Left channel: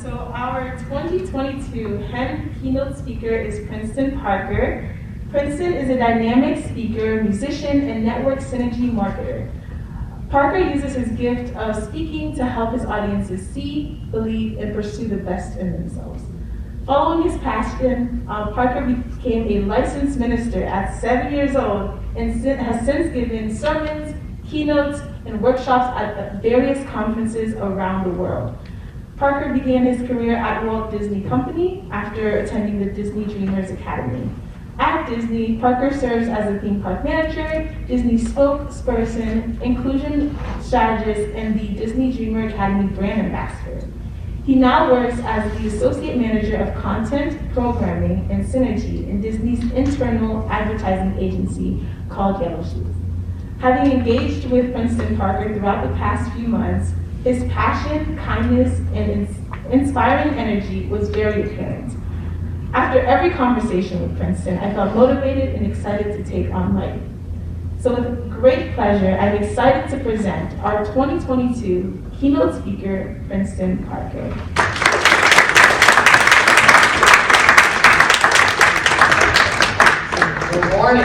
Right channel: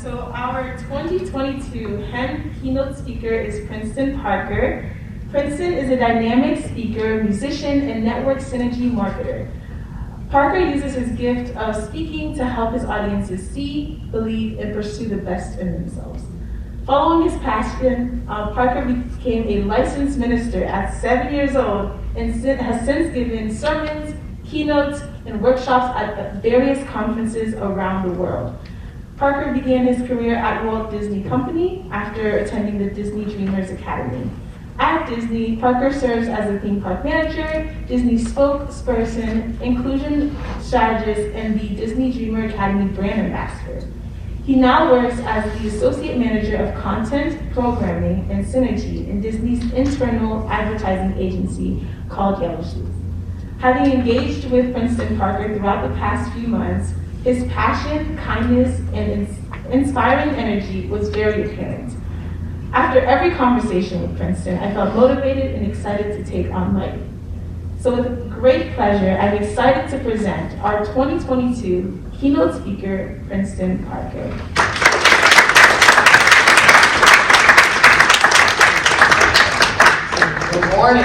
So our 2022 Keynote speaker is Princeton Parker. Princeton is a dynamic speaker, musician, and network synergy marketer. Parker uses his gift of speaking to help his audiences see, believe, and pursue the best in themselves. Following his passion, Parker became a licensed minister at 7 years old and has since given sermons, keynotes, and workshops at various conferences around the world. Parker began his career at Walt Disney Company after attending the Disney Dreamers Academy. At Disney, Parker serves as a theme park manager, Disney spokesperson, inclusion strategist, and the Disney Dreamer Academy brand ambassador. He now works as the associate manager of content, programming, and synergy in Disney's internal advertising agency called Yellow Shoes. Having engaged with Princeton Parker throughout the past few months, his passion, kindness, and inspiring energy was very apparent. After every conversation with Princeton, I felt motivated and excited to take on life. So with great pleasure, I'm excited to present our 2022 keynote speaker, Princeton Parker. Good morning.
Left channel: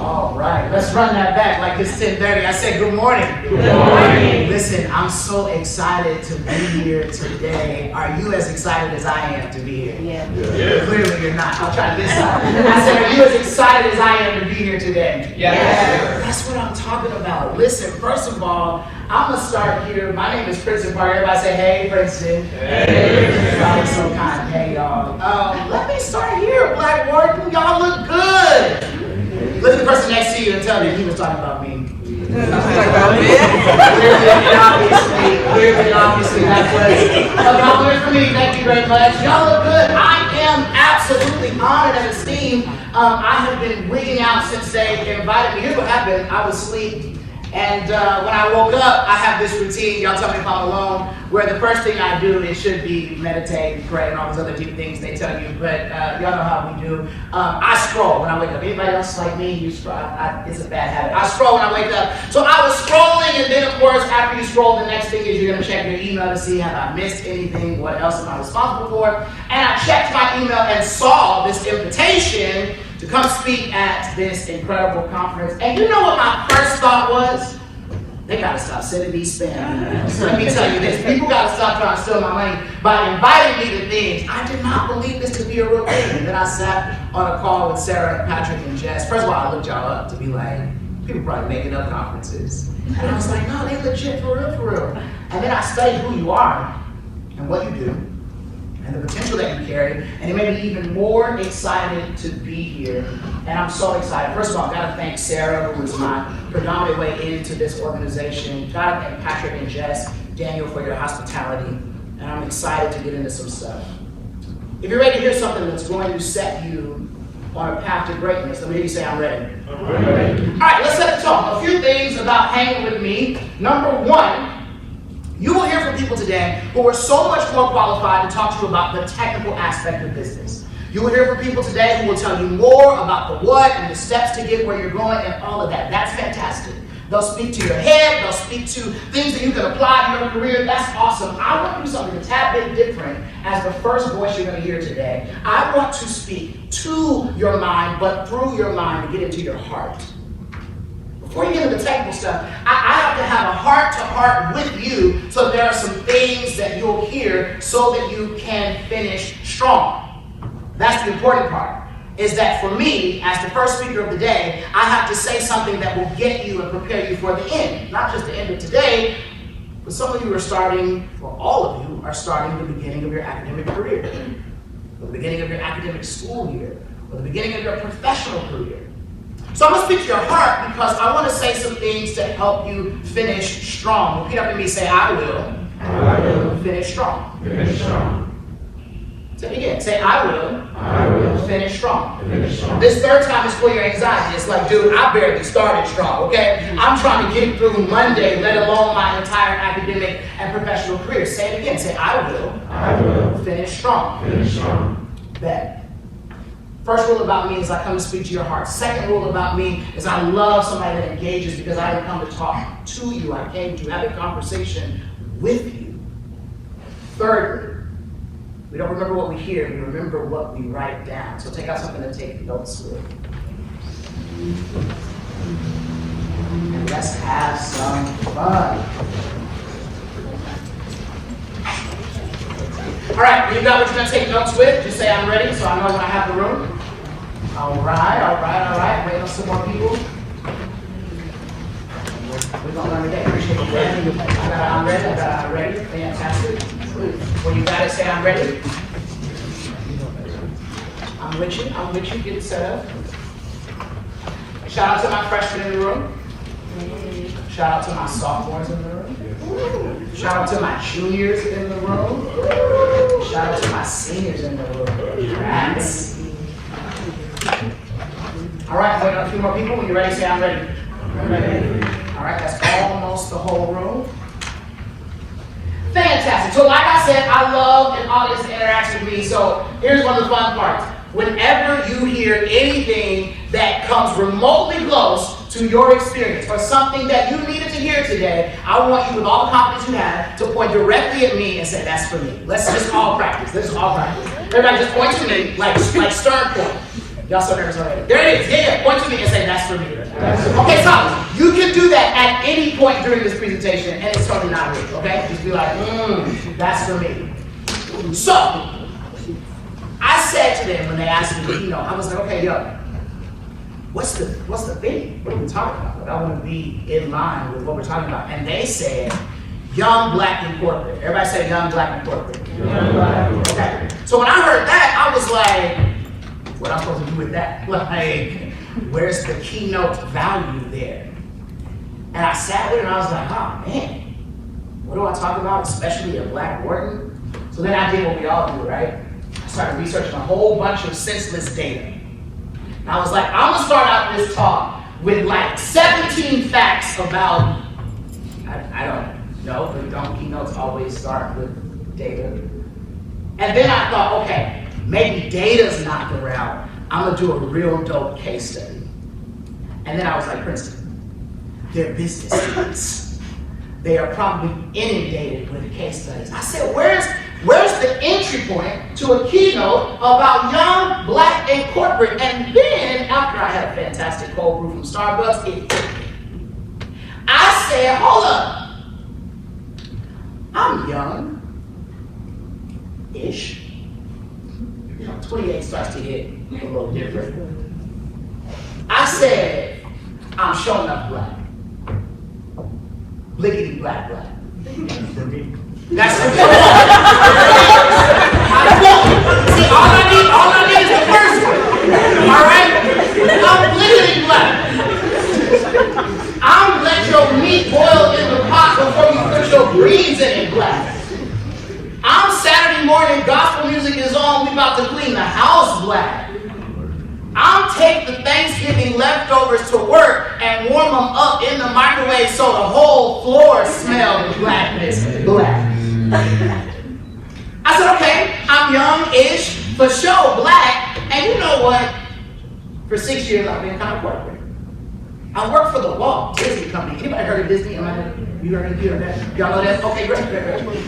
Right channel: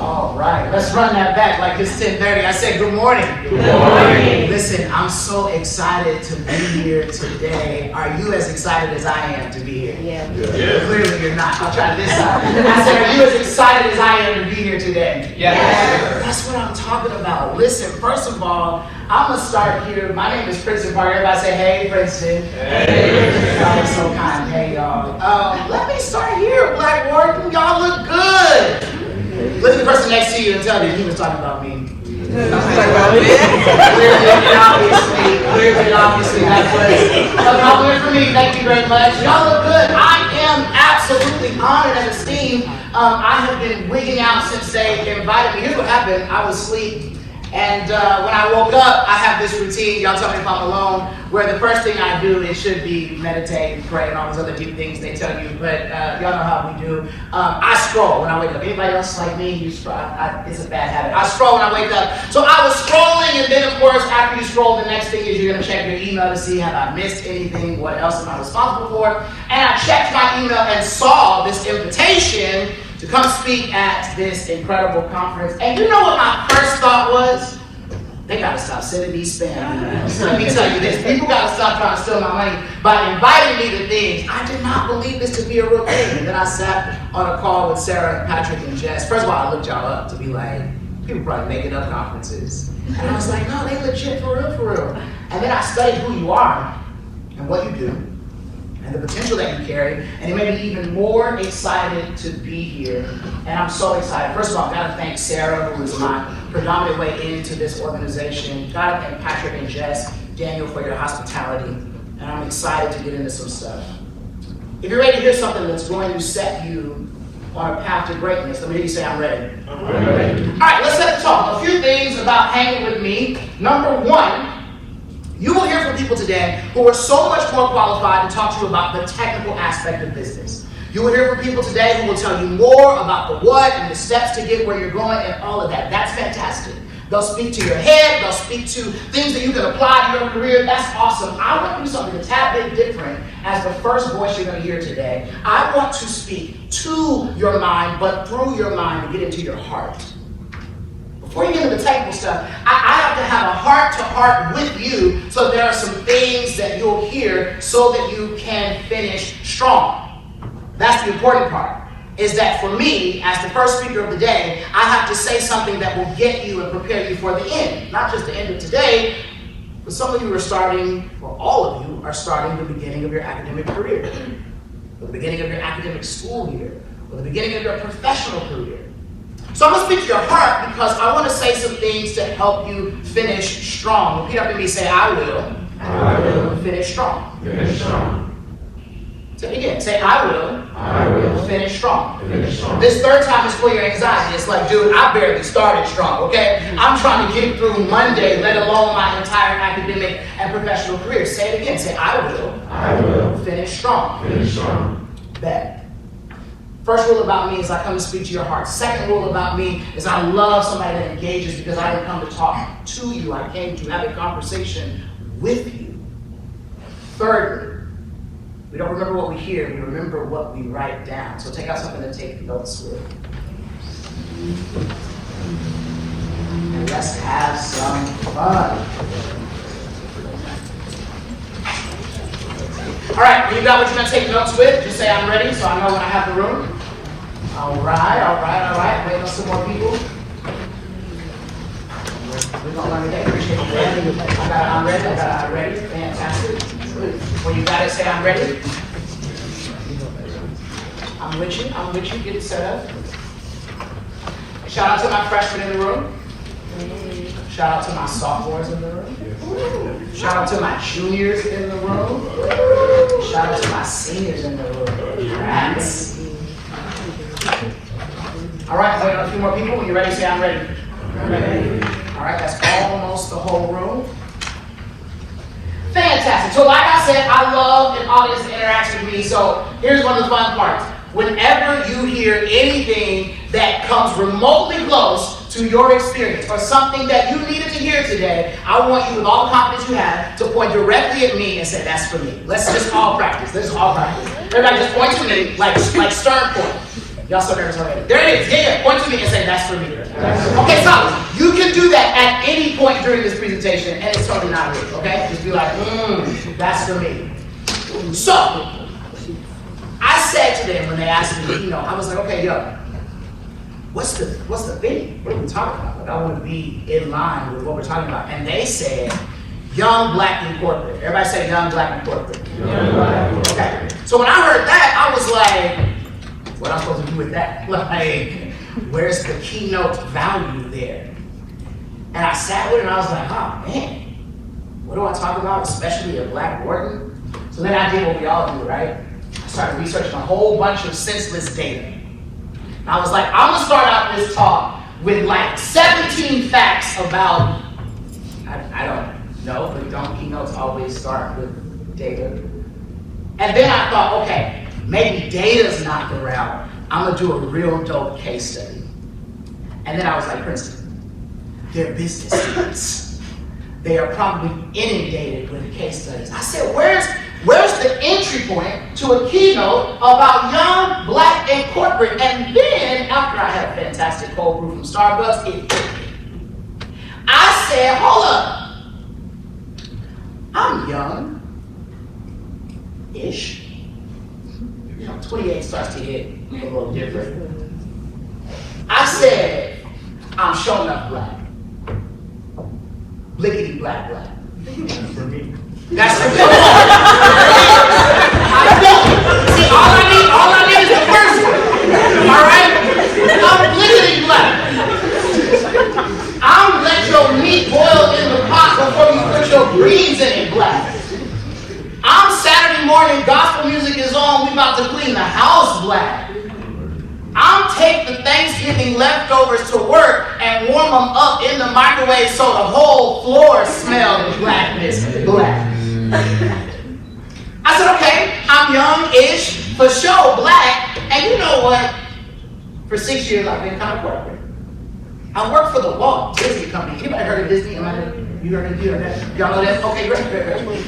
All right, let's run that back like it's 10:30. I said good morning. Good morning. Listen, I'm so excited to be here today. Are you as excited as I am to be here? Yeah. Clearly you're not. I'll try this out. I said, are you as excited as I am to be here today? Yeah. That's what I'm talking about. Listen, first of all, I'm going to start here. My name is Princeton Parker. Everybody say, hey, Princeton. Hey. Y'all are so kind. Hey, y'all. Let me start here. Black Wharton, y'all look good. Look at the person next to you and tell them he was talking about me. Clearly, obviously, that's what it is. Compliment for me. Thank you very much. Y'all look good. I am absolutely honored and esteemed. I have been wigging out since they invited me. Here's what happened. I was asleep. And when I woke up, I have this routine, y'all tell me if I'm alone, where the first thing I do, it should be meditate, pray, and all those other deep things they tell you, but y'all know how we do. I scroll when I wake up. Anybody else like me? You scroll. It's a bad habit. I scroll when I wake up. So I was scrolling, and then of course, after you scroll, the next thing is you're gonna check your email to see have I missed anything, what else am I responsible for? And I checked my email and saw this invitation to come speak at this incredible conference. And you know what my first thought was? They gotta stop sending me spam emails. So let me tell you this, people gotta stop trying to steal my money by inviting me to things. I did not believe this to be a real thing. And then I sat on a call with Sarah, Patrick, and Jess. First of all, I looked y'all up to be like, people probably making up conferences. And I was like, no, they legit for real, for real. And then I studied who you are and what you do, and the potential that you carry, and it made me even more excited to be here. And I'm so excited. First of all, I've got to thank Sarah, who was my predominant way into this organization. Got to thank Patrick and Jess, Daniel, for your hospitality. And I'm excited to get into some stuff. If you're ready to hear something that's going to set you on a path to greatness, let me hear you say, I'm ready. I'm ready. All right, let's set the tone. A few things about hanging with me. Number one, you will hear from people today who are so much more qualified to talk to you about the technical aspect of business. You will hear from people today who will tell you more about the what and the steps to get where you're going and all of that. That's fantastic. They'll speak to your head. They'll speak to things that you can apply to your career. That's awesome. I want to do something a tad bit different as the first voice you're going to hear today. I want to speak to your mind, but through your mind to get into your heart. Before you get into the technical stuff, I have to have a heart-to-heart with you, so there are some things that you'll hear so that you can finish strong. That's the important part, is that for me, as the first speaker of the day, I have to say something that will get you and prepare you for the end. Not just the end of today, but some of you are starting, or all of you, are starting the beginning of your academic career, the beginning of your academic school year, or the beginning of your professional career. So I'm going to speak to your heart because I want to say some things to help you finish strong. Repeat after me, say, I will finish strong. Finish strong. Say it again, say, I will finish strong. This third time is for your anxiety. It's like, dude, I barely started strong, okay? I'm trying to get through Monday, let alone my entire academic and professional career. Say it again, say, I will finish strong. Finish strong. Bet. First rule about me is I come to speak to your heart. Second rule about me is I love somebody that engages because I didn't come to talk to you. I came to have a conversation with you. Thirdly, we don't remember what we hear, we remember what we write down. So take out something to take notes with. And let's have some fun. All right, you got what you're going to take notes with. Just say I'm ready, so I know when I have the room. All right. Waiting on some more people. We're going on today. Appreciate it. I got I'm ready. Fantastic. When you got it, say I'm ready. I'm with you. Get it set up. Shout out to my freshmen in the room. Shout out to my sophomores in the room. Shout out to my juniors in the room. Shout out to my seniors in the room. Congrats. All right, we got a few more people. When you're ready, say I'm ready. All right, that's almost the whole room. Fantastic. So like I said, I love an audience that interacts with me. So here's one of the fun parts. Whenever you hear anything that comes remotely close to your experience or something that you needed to hear today, I want you, with all the confidence you have, to point directly at me and say, that's for me. Let's just all practice. Everybody just point to me, like stern point. Y'all so nervous already. There it is. Yeah. Point to me and say, that's for me. Okay, so you can do that at any point during this presentation, and it's totally not real, okay? Just be like, that's for me. So, I said to them when they asked me, I was like, okay, what's the thing? What are we talking about? Like, I want to be in line with what we're talking about. And they said, young, black, and corporate. Everybody say young, black, and corporate. Okay. So when I heard that, I was like, what am I supposed to do with that? Like, where's the keynote value there? And I sat with it and I was like, oh man, what do I talk about, especially at Black Wharton? So then I did what we all do, right? I started researching a whole bunch of senseless data. And I was like, I'm gonna start out this talk with like 17 facts about, I don't know, but don't keynotes always start with data? And then I thought, okay, maybe data's not the route. I'm gonna do a real dope case study. And then I was like, Princeton, they're business nuts. They are probably inundated with case studies. I said, where's the entry point to a keynote about young, black, and corporate? And then, after I had a fantastic cold brew from Starbucks, it hit me. I said, hold up. I'm young-ish. 28 starts to hit a little different. I said, I'm showing up black. Blickety black. That's for me. All I need is the first one. Alright? I'm blickety black. I'm let your meat boil in the pot before you put your greens in it black. I'm Saturday morning, gospel music is on, we about to clean the house black. I'm take the Thanksgiving leftovers to work and warm them up in the microwave so the whole floor smells blackness black. I said, okay, I'm young-ish, for sure black, and you know what? For 6 years I've been kind of corporate. I work for the Walt Disney Company. Anybody heard of Disney? You heard of that? Y'all know that? Okay, great.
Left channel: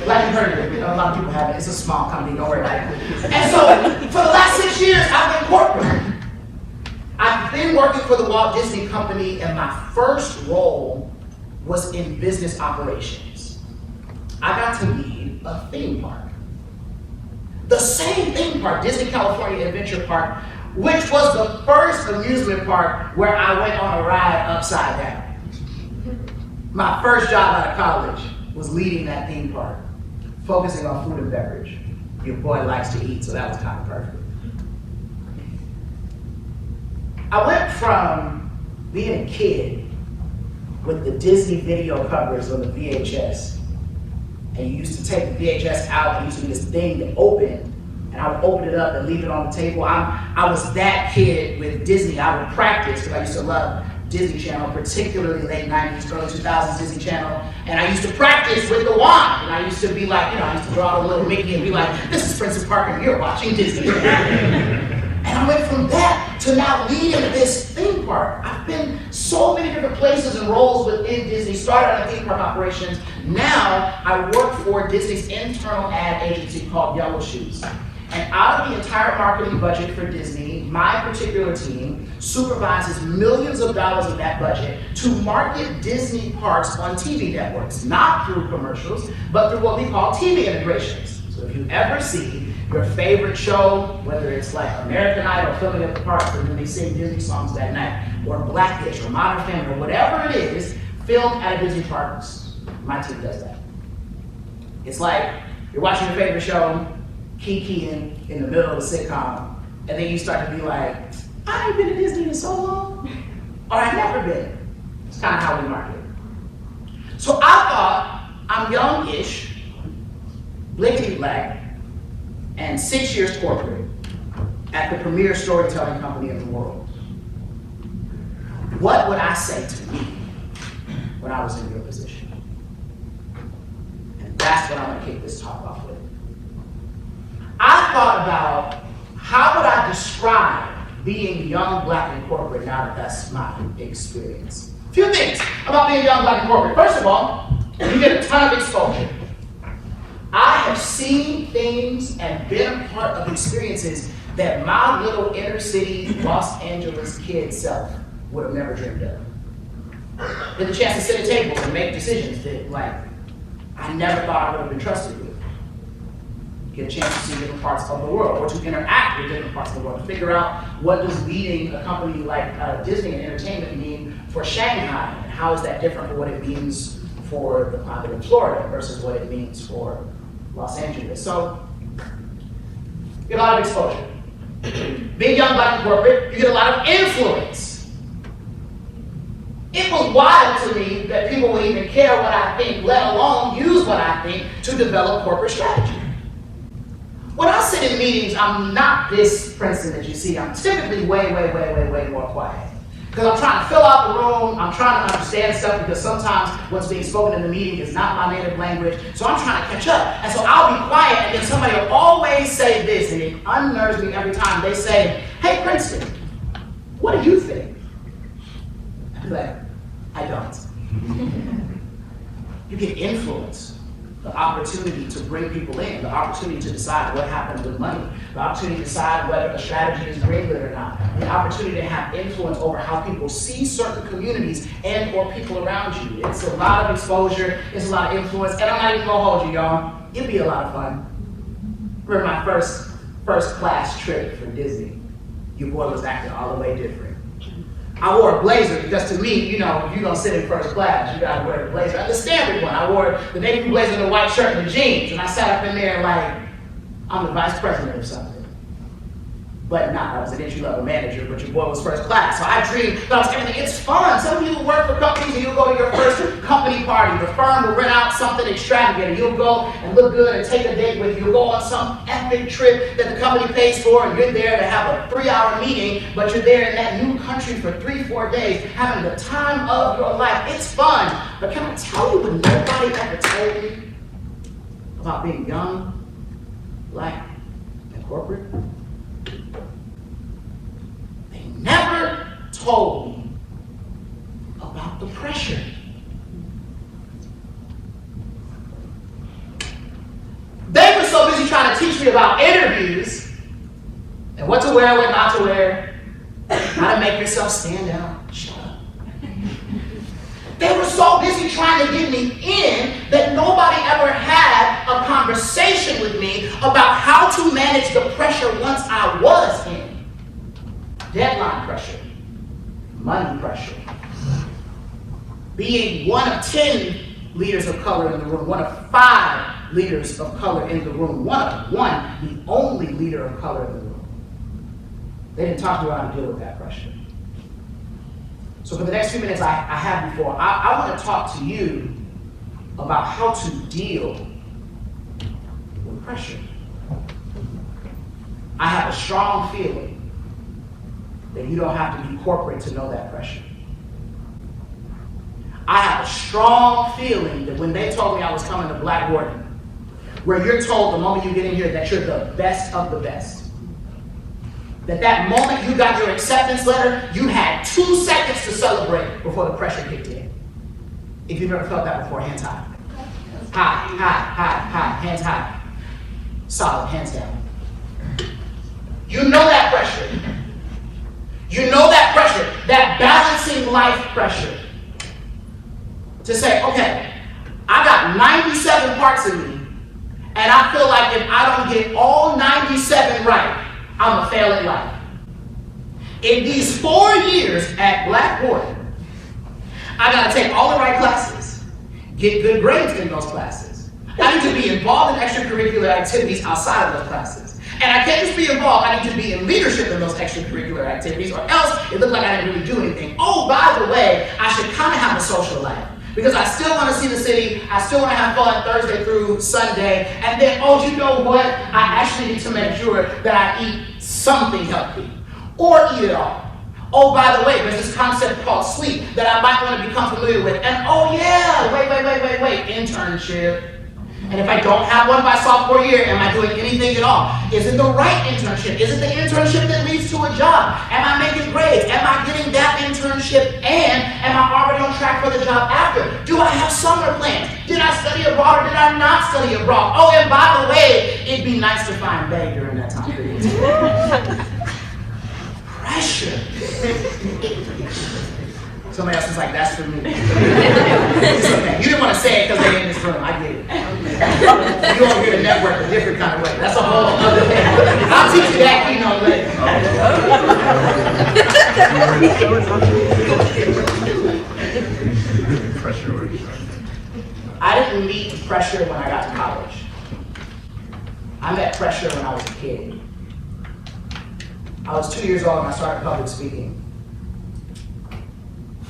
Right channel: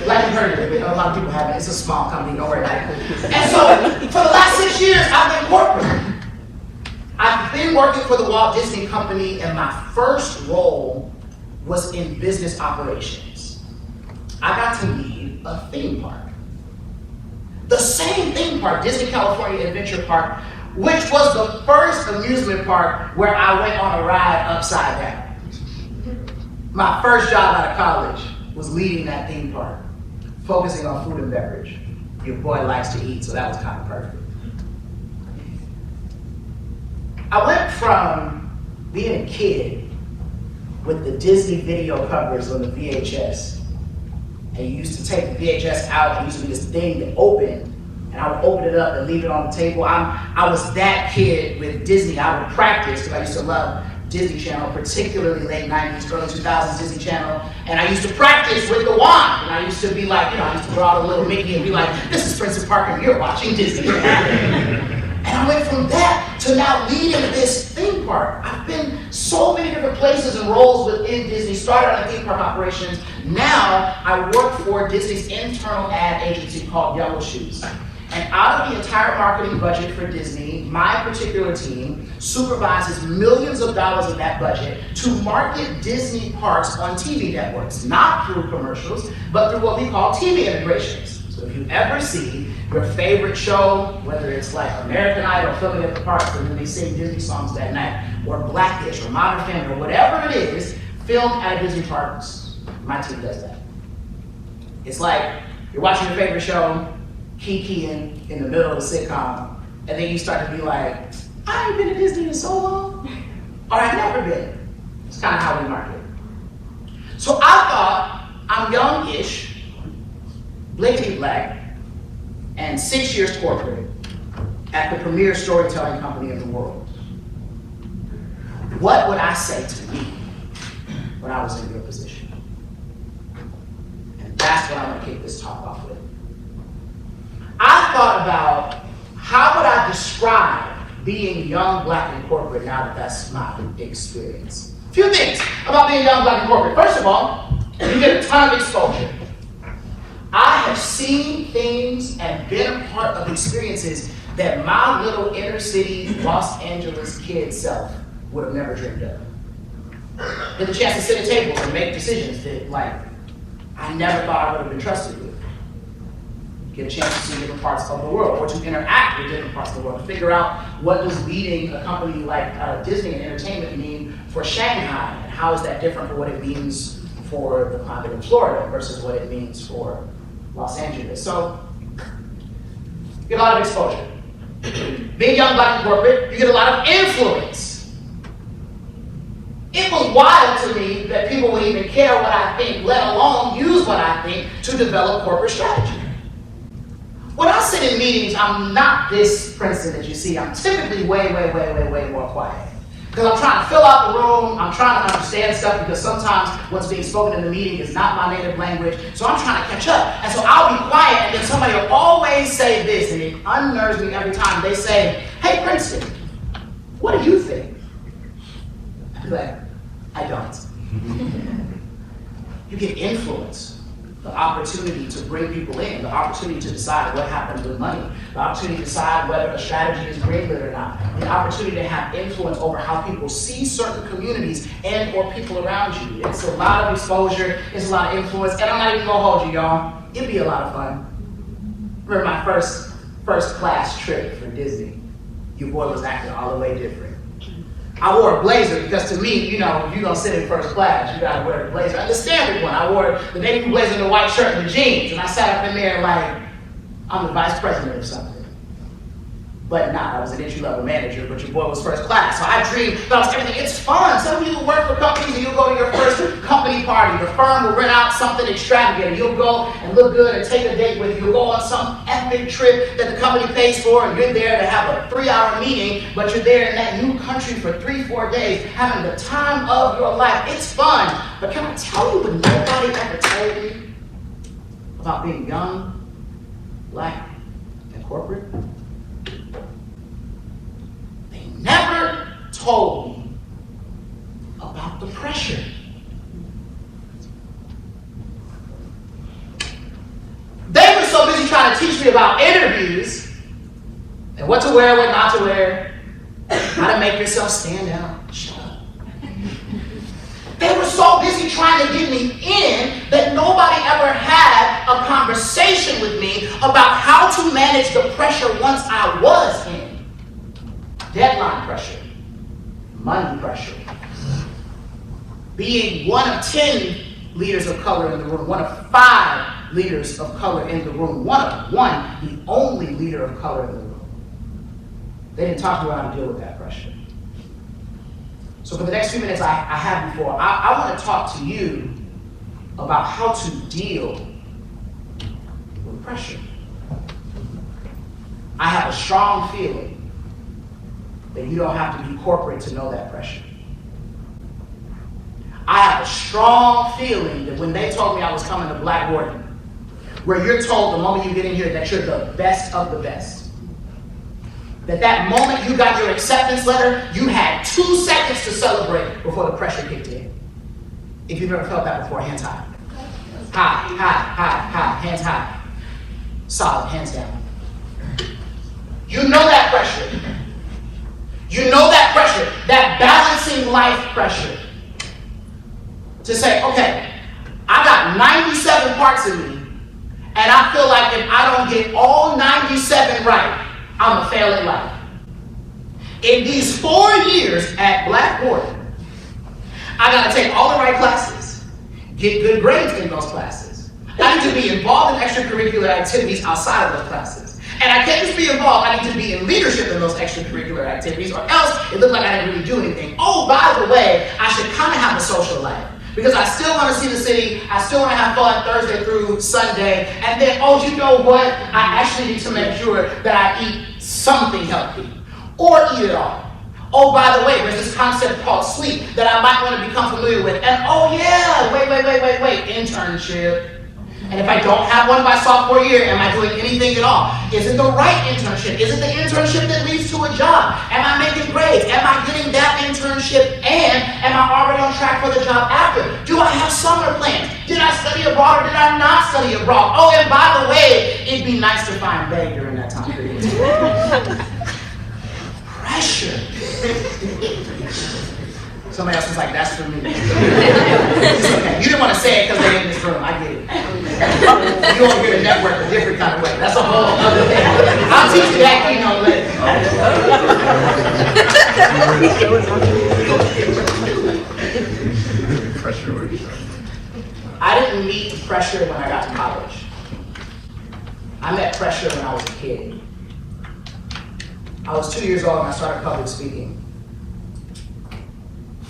Glad you heard of it. I know a lot of people have it. It's a small company, don't worry about it. And so, for the last 6 years, I've been corporate. I've been working for the Walt Disney Company, and my first role was in business operations. I got to lead a theme park. The same theme park, Disney California Adventure Park, which was the first amusement park where I went on a ride upside down. My first job out of college was leading that theme park, focusing on food and beverage. Your boy likes to eat, so that was kind of perfect. I went from being a kid with the Disney video covers on the VHS, and you used to take the VHS out and used to this thing to open, and I would open it up and leave it on the table. I was that kid with Disney. I would practice, because I used to love Disney Channel, particularly late 90s, early 2000s Disney Channel, and I used to practice with the wand. And I used to be like, I used to draw the little Mickey and be like, this is Princeton Parker, you're watching Disney. And I went from that to now leading this theme park. I've been so many different places and roles within Disney. Started on theme park operations, Now, I work for Disney's internal ad agency called Yellow Shoes. And out of the entire marketing budget for Disney, my particular team supervises millions of dollars of that budget to market Disney parks on TV networks, not through commercials, but through what we call TV integrations. So if you ever see your favorite show, whether it's like American Idol filming at the parks and they sing Disney songs that night, or Black-ish, or Modern Family, or whatever it is, filmed at Disney parks, my team does that. It's like you're watching your favorite show, kikiing in the middle of a sitcom, and then you start to be like, I ain't been to Disney in so long, or I've never been. It's kind of how we market. So I thought, I'm young-ish, blatantly black, and 6 years corporate at the premier storytelling company in the world. What would I say to me when I was in your position? And that's what I'm going to kick this talk off with. I thought about how would I describe being young, black, and corporate now that that's my experience. A few things about being young, black, and corporate. First of all, you get a ton of exposure. I have seen things and been a part of experiences that my little inner city Los Angeles kid self would have never dreamed of. Get the chance to sit at tables and make decisions that, like, I never thought I would have been trusted with. Get a chance to see different parts of the world, or to interact with different parts of the world, to figure out what does leading a company like Disney Entertainment mean for Shanghai, and how is that different from what it means for the climate in Florida versus what it means for Los Angeles. So, you get a lot of exposure. Being young, black, and corporate, you get a lot of influence. It was wild to me that people would even care what I think, let alone use what I think to develop corporate strategy. When I sit in meetings, I'm not this Princeton that you see. I'm typically way more quiet. Because I'm trying to fill out the room, I'm trying to understand stuff, because sometimes what's being spoken in the meeting is not my native language, so I'm trying to catch up. And so I'll be quiet, and then somebody will always say this, and it unnerves me every time. They say, hey Princeton, what do you think? I'd be like, I don't. You get influence. The opportunity to bring people in, the opportunity to decide what happens with money, the opportunity to decide whether a strategy is greenlit or not, the opportunity to have influence over how people see certain communities and or people around you. It's a lot of exposure, it's a lot of influence, and I'm not even gonna hold you, y'all. It'd be a lot of fun. Remember my first class trip for Disney. Your boy was acting all the way different. I wore a blazer because to me, you know, if you're gonna sit in first class, you gotta wear a blazer. The standard one. I wore the navy blue blazer and the white shirt and the jeans, and I sat up in there like I'm the vice president or something. But not, I was an entry-level manager, but your boy was first class. So I dreamed that I was everything. It's fun. Some of you work for companies and you'll go to your first company party. The firm will rent out something extravagant. You'll go and look good and take a date with you. You'll go on some epic trip that the company pays for, and you're there to have a 3-hour meeting, but you're there in that new country for 3-4 days, having the time of your life. It's fun. But can I tell you what nobody ever told me about being young, black, and corporate? Never told me about the pressure. They were so busy trying to teach me about interviews and what to wear, what not to wear, how to make yourself stand out. Shut up. They were so busy trying to get me in that nobody ever had a conversation with me about how to manage the pressure once I was in. Deadline pressure, money pressure, being one of 10 leaders of color in the room, one of 5 leaders of color in the room, the only leader of color in the room. They didn't talk about how to deal with that pressure. So for the next few minutes I have before, I want to talk to you about how to deal with pressure. I have a strong feeling that you don't have to be corporate to know that pressure. I have a strong feeling that when they told me I was coming to Wharton, where you're told the moment you get in here that you're the best of the best, that moment you got your acceptance letter, you had 2 seconds to celebrate before the pressure kicked in. If you've ever felt that before, hand time. High, hands high. Solid, hands down. You know that pressure. You know that pressure, that balancing life pressure. To say, okay, I got 97 parts of me, and I feel like if I don't get all 97 right, I'm a fail at life. In these 4 years at Wharton, I gotta take all the right classes, get good grades in those classes. I need to be involved in extracurricular activities outside of those classes. And I can't just be involved, I need to be in leadership in those extracurricular activities, or else it looks like I didn't really do anything. Oh, by the way, I should kind of have a social life. Because I still want to see the city, I still want to have fun Thursday through Sunday, and then, oh, you know what? I actually need to make sure that I eat something healthy, or eat it all. Oh, by the way, there's this concept called sleep that I might want to become familiar with. And oh yeah, wait, internship. And if I don't have one by sophomore year, am I doing anything at all? Is it the right internship? Is it the internship that leads to a job? Am I making grades? Am I getting that internship? And am I already on track for the job after? Do I have summer plans? Did I study abroad or did I not study abroad? Oh, and by the way, it'd be nice to find Bay during that time period. Pressure. Somebody else is like, that's for me. You didn't want to say it because they're in this room. I get it. You want to get a network a different kind of way. That's a whole other thing. I'll teach you that Keynote later. I didn't meet pressure when I got to college. I met pressure when I was a kid. I was 2 years old when I started public speaking.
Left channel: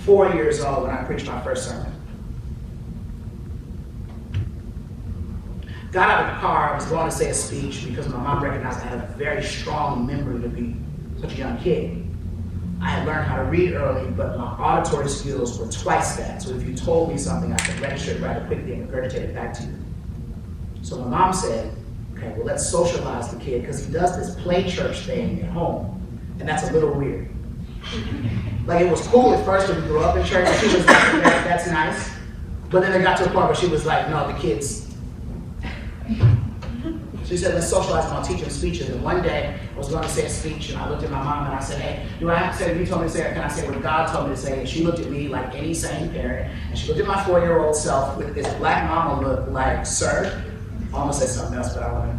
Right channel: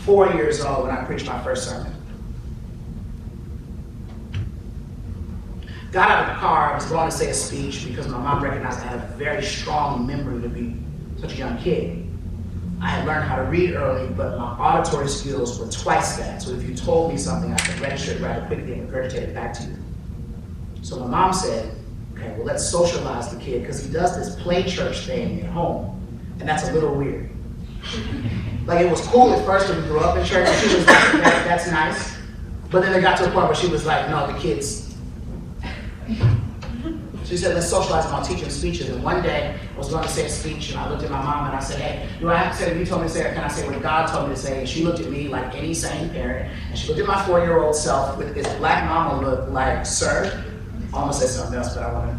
4 years old when I preached my first sermon. Got out of the car, I was going to say a speech because my mom recognized I had a very strong memory to be such a young kid. I had learned how to read early, but my auditory skills were twice that. So if you told me something, I could register it rather quickly and regurgitate it back to you. So my mom said, okay, well, let's socialize the kid because he does this play church thing at home, and that's a little weird. Like, it was cool at first when we grew up in church, and she was like, that's nice. But then it got to a point where she was like, no, the kids. She said, let's socialize them, I'll teach them speeches. And one day, I was going to say a speech, and I looked at my mom and I said, hey, do I have to say what you told me to say, or can I say what God told me to say? And she looked at me like any sane parent, and she looked at my 4-year-old self with this black mama look like, sir, I almost said something else, but I want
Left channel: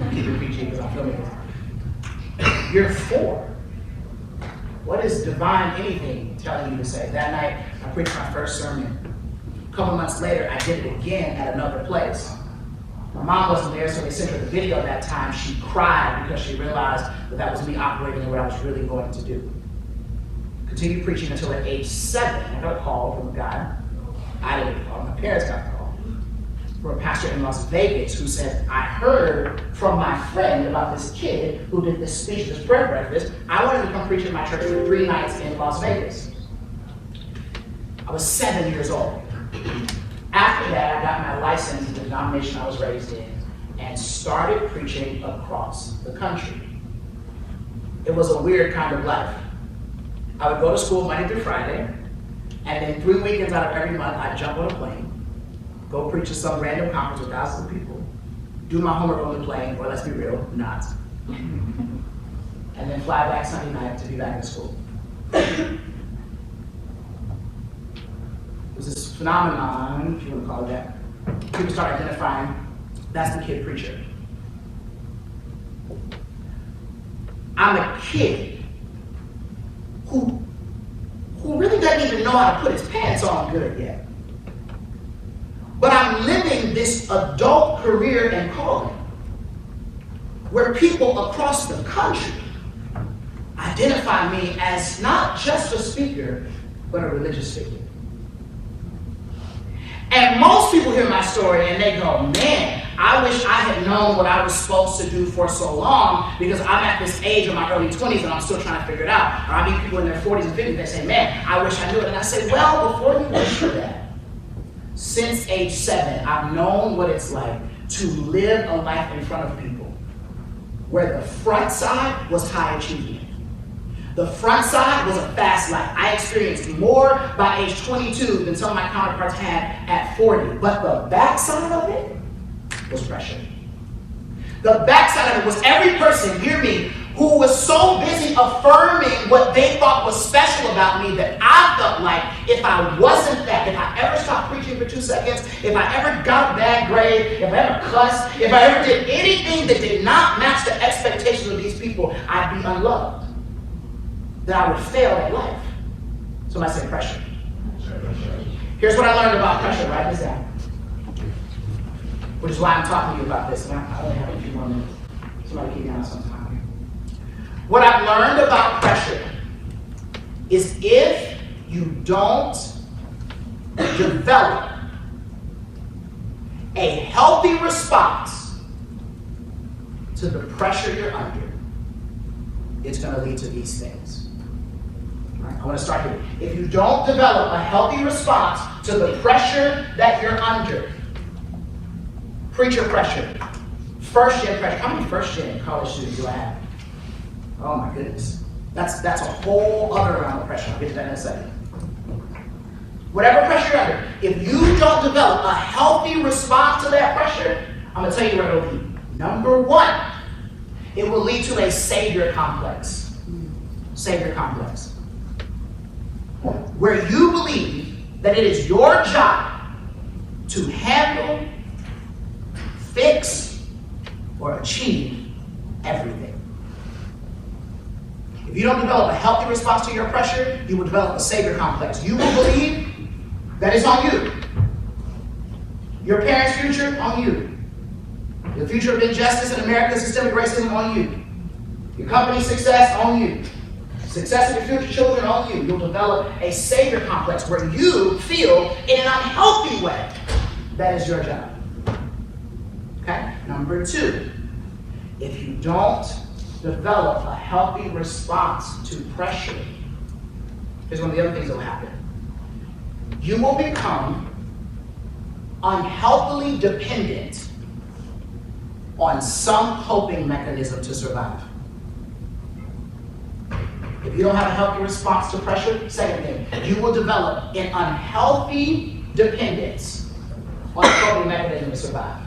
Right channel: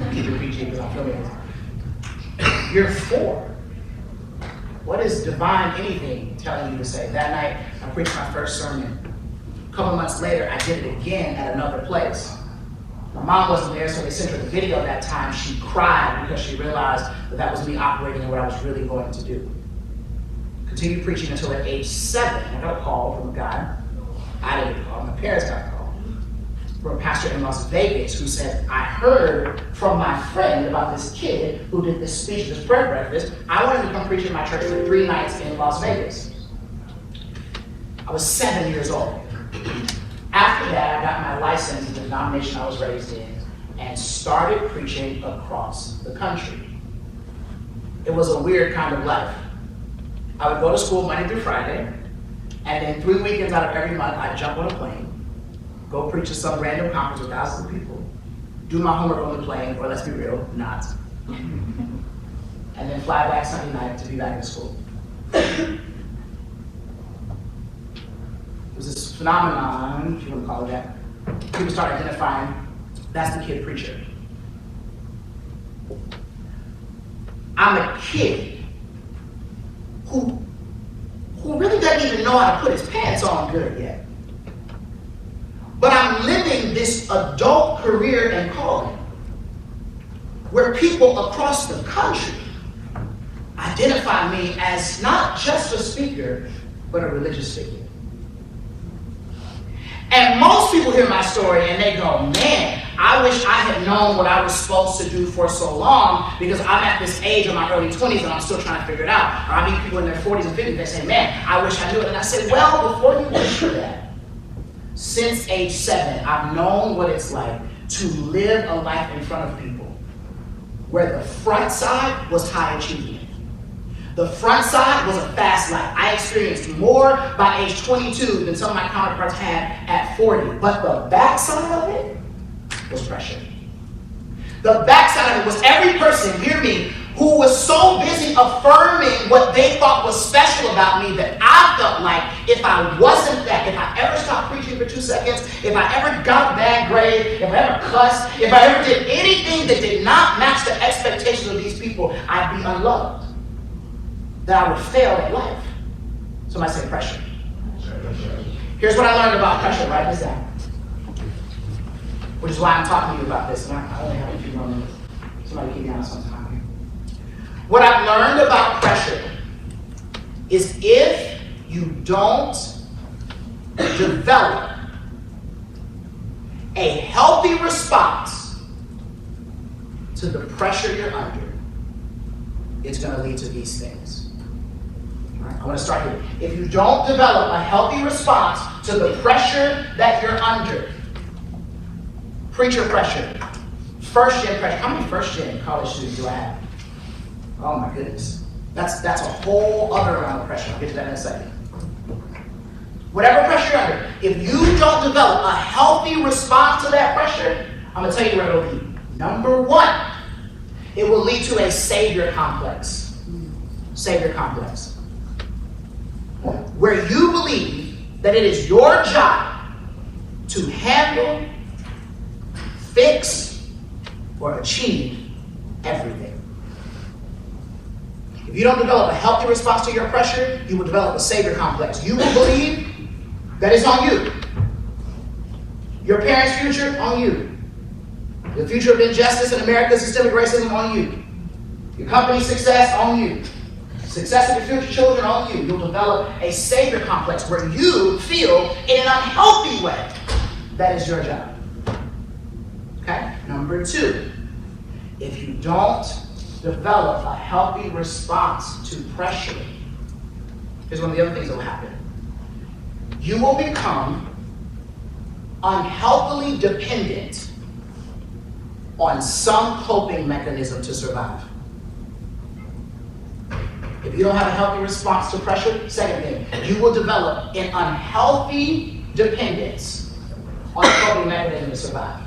to keep it PG because I'm feeling it. You're 4. What is divine anything telling you to say? That night, I preached my first sermon. A couple months later, I did it again at another place. My mom wasn't there, so they sent her the video that time. She cried because she realized that that was me operating what I was really going to do. Continued preaching until at age 7, I got a call from a guy. I didn't call, my parents got a call. From a pastor in Las Vegas who said, I heard from my friend about this kid who did this speech, this prayer breakfast. I wanted to come preach in my church for 3 nights in Las Vegas. I was 7 years old. After that, I got my license in the denomination I was raised in and started preaching across the country. It was a weird kind of life. I would go to school Monday through Friday, and then 3 weekends out of every month, I'd jump on a plane, go preach to some random conference with thousands of people, do my homework on the plane, or let's be real, not, and then fly back Sunday night to be back in school. It was this phenomenon, if you would call it that. People start identifying, that's the kid preacher. I'm a kid who really doesn't even know how to put his pants on good yet. But I'm living this adult career and calling where people across the country identify me as not just a speaker, but a religious figure. And most people hear my story and they go, man, I wish I had known what I was supposed to do for so long because I'm at this age in my early 20s and I'm still trying to figure it out. Or I meet people in their 40s and 50s, they say, man, I wish I knew it. And I say, well, before you wish that, since age 7, I've known what it's like to live a life in front of people where the front side was high achievement, The front side was a fast life. I experienced more by age 22 than some of my counterparts had at 40. But the back side of it was pressure. The back side of it was every person, hear me, who was so busy affirming what they thought was special about me that I felt like if I wasn't that, if I ever stopped preaching for 2 seconds, if I ever got a bad grade, if I ever cussed, if I ever did anything that did not match the expectations of these people, I'd be unloved. That I would fail at life. So I say pressure. Here's what I learned about pressure, write this down. Which is why I'm talking to you about this. And I only have a few more minutes. Somebody keep me on sometime. What I've learned about pressure is if you don't develop a healthy response to the pressure you're under, it's going to lead to these things. I want to start here. If you don't develop a healthy response to the pressure that you're under, preacher pressure, first gen pressure. How many first gen college students do I have? Oh my goodness. That's a whole other round of pressure. I'll get to that in a second. Whatever pressure you're under, if you don't develop a healthy response to that pressure, I'm going to tell you where it'll lead. Number one, it will lead to a savior complex. Savior complex. Where you believe that it is your job to handle, fix, or achieve everything. If you don't develop a healthy response to your pressure, you will develop a savior complex. You will believe that it's on you. Your parents' future, on you. The future of injustice in America, systemic racism, on you. Your company's success, on you. Success of your future children, on you. You'll develop a savior complex where you feel in an unhealthy way that is your job. Okay? Number two, if you don't develop a healthy response to pressure, here's one of the other things that will happen. You will become unhealthily dependent on some coping mechanism to survive. If you don't have a healthy response to pressure, second thing, you will develop an unhealthy dependence on a coping mechanism to survive.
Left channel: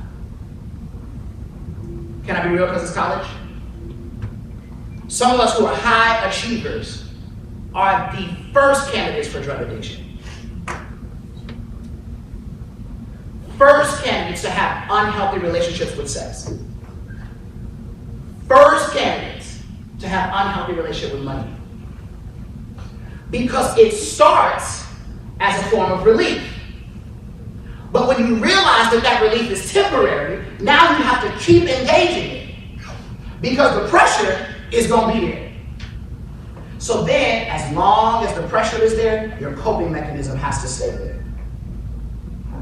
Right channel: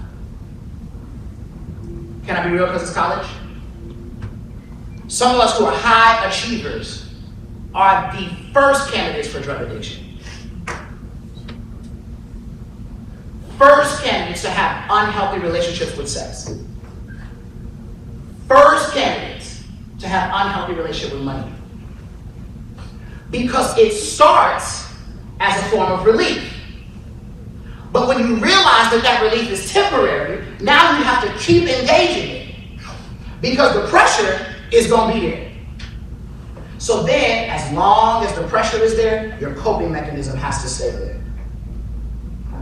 Can I be real because it's college? Some of us who are high achievers are the first candidates for drug addiction. First candidates to have unhealthy relationships with sex. First candidates to have unhealthy relationship with money. Because it starts as a form of relief. But when you realize that that relief is temporary, now you have to keep engaging it. Because the pressure is going to be there. So then, as long as the pressure is there, your coping mechanism has to stay there.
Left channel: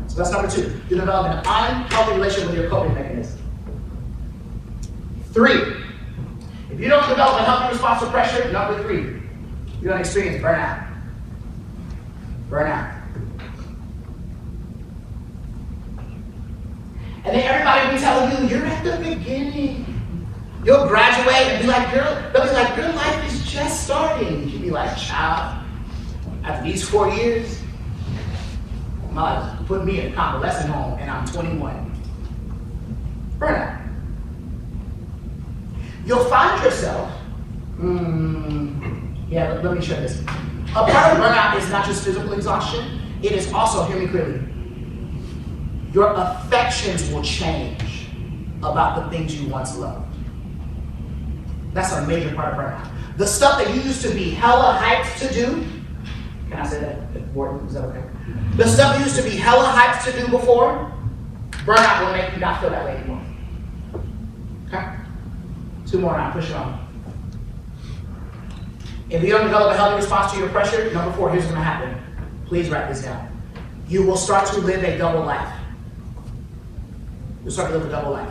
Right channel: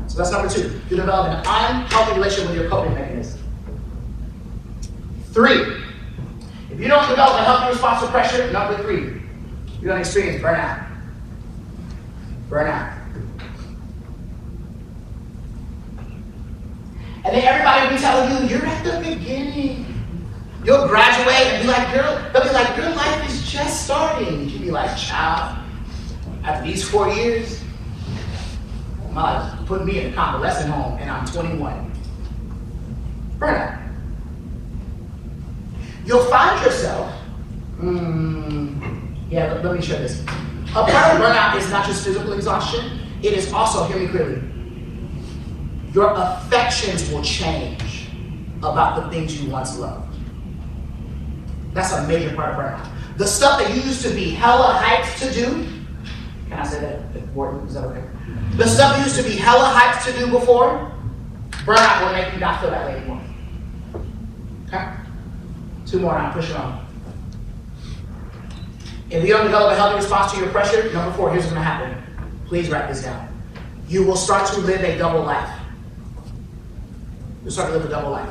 So that's number two. You develop an unhealthy relationship with your coping mechanism. 3, if you don't develop a healthy response to pressure, number 3, you're going to experience burnout. Burnout. And then everybody will be telling you, you're at the beginning. You'll graduate and be like, they'll be like, your life is just starting. You'll be like, child, after these 4 years, my life put me in a convalescent home and I'm 21. Burnout. You'll find yourself, let me share this. A part of burnout is not just physical exhaustion, it is also, hear me clearly, your affections will change about the things you once loved. That's a major part of burnout. The stuff that used to be hella hyped to do, can I say that? Wharton, is that okay? The stuff that used to be hella hyped to do before, burnout will make you not feel that way anymore. Okay? 2 more and I'm pushing on. If you don't develop a healthy response to your pressure, number 4, here's what's going to happen. Please write this down. You will start to live a double life. You'll start to live a double life.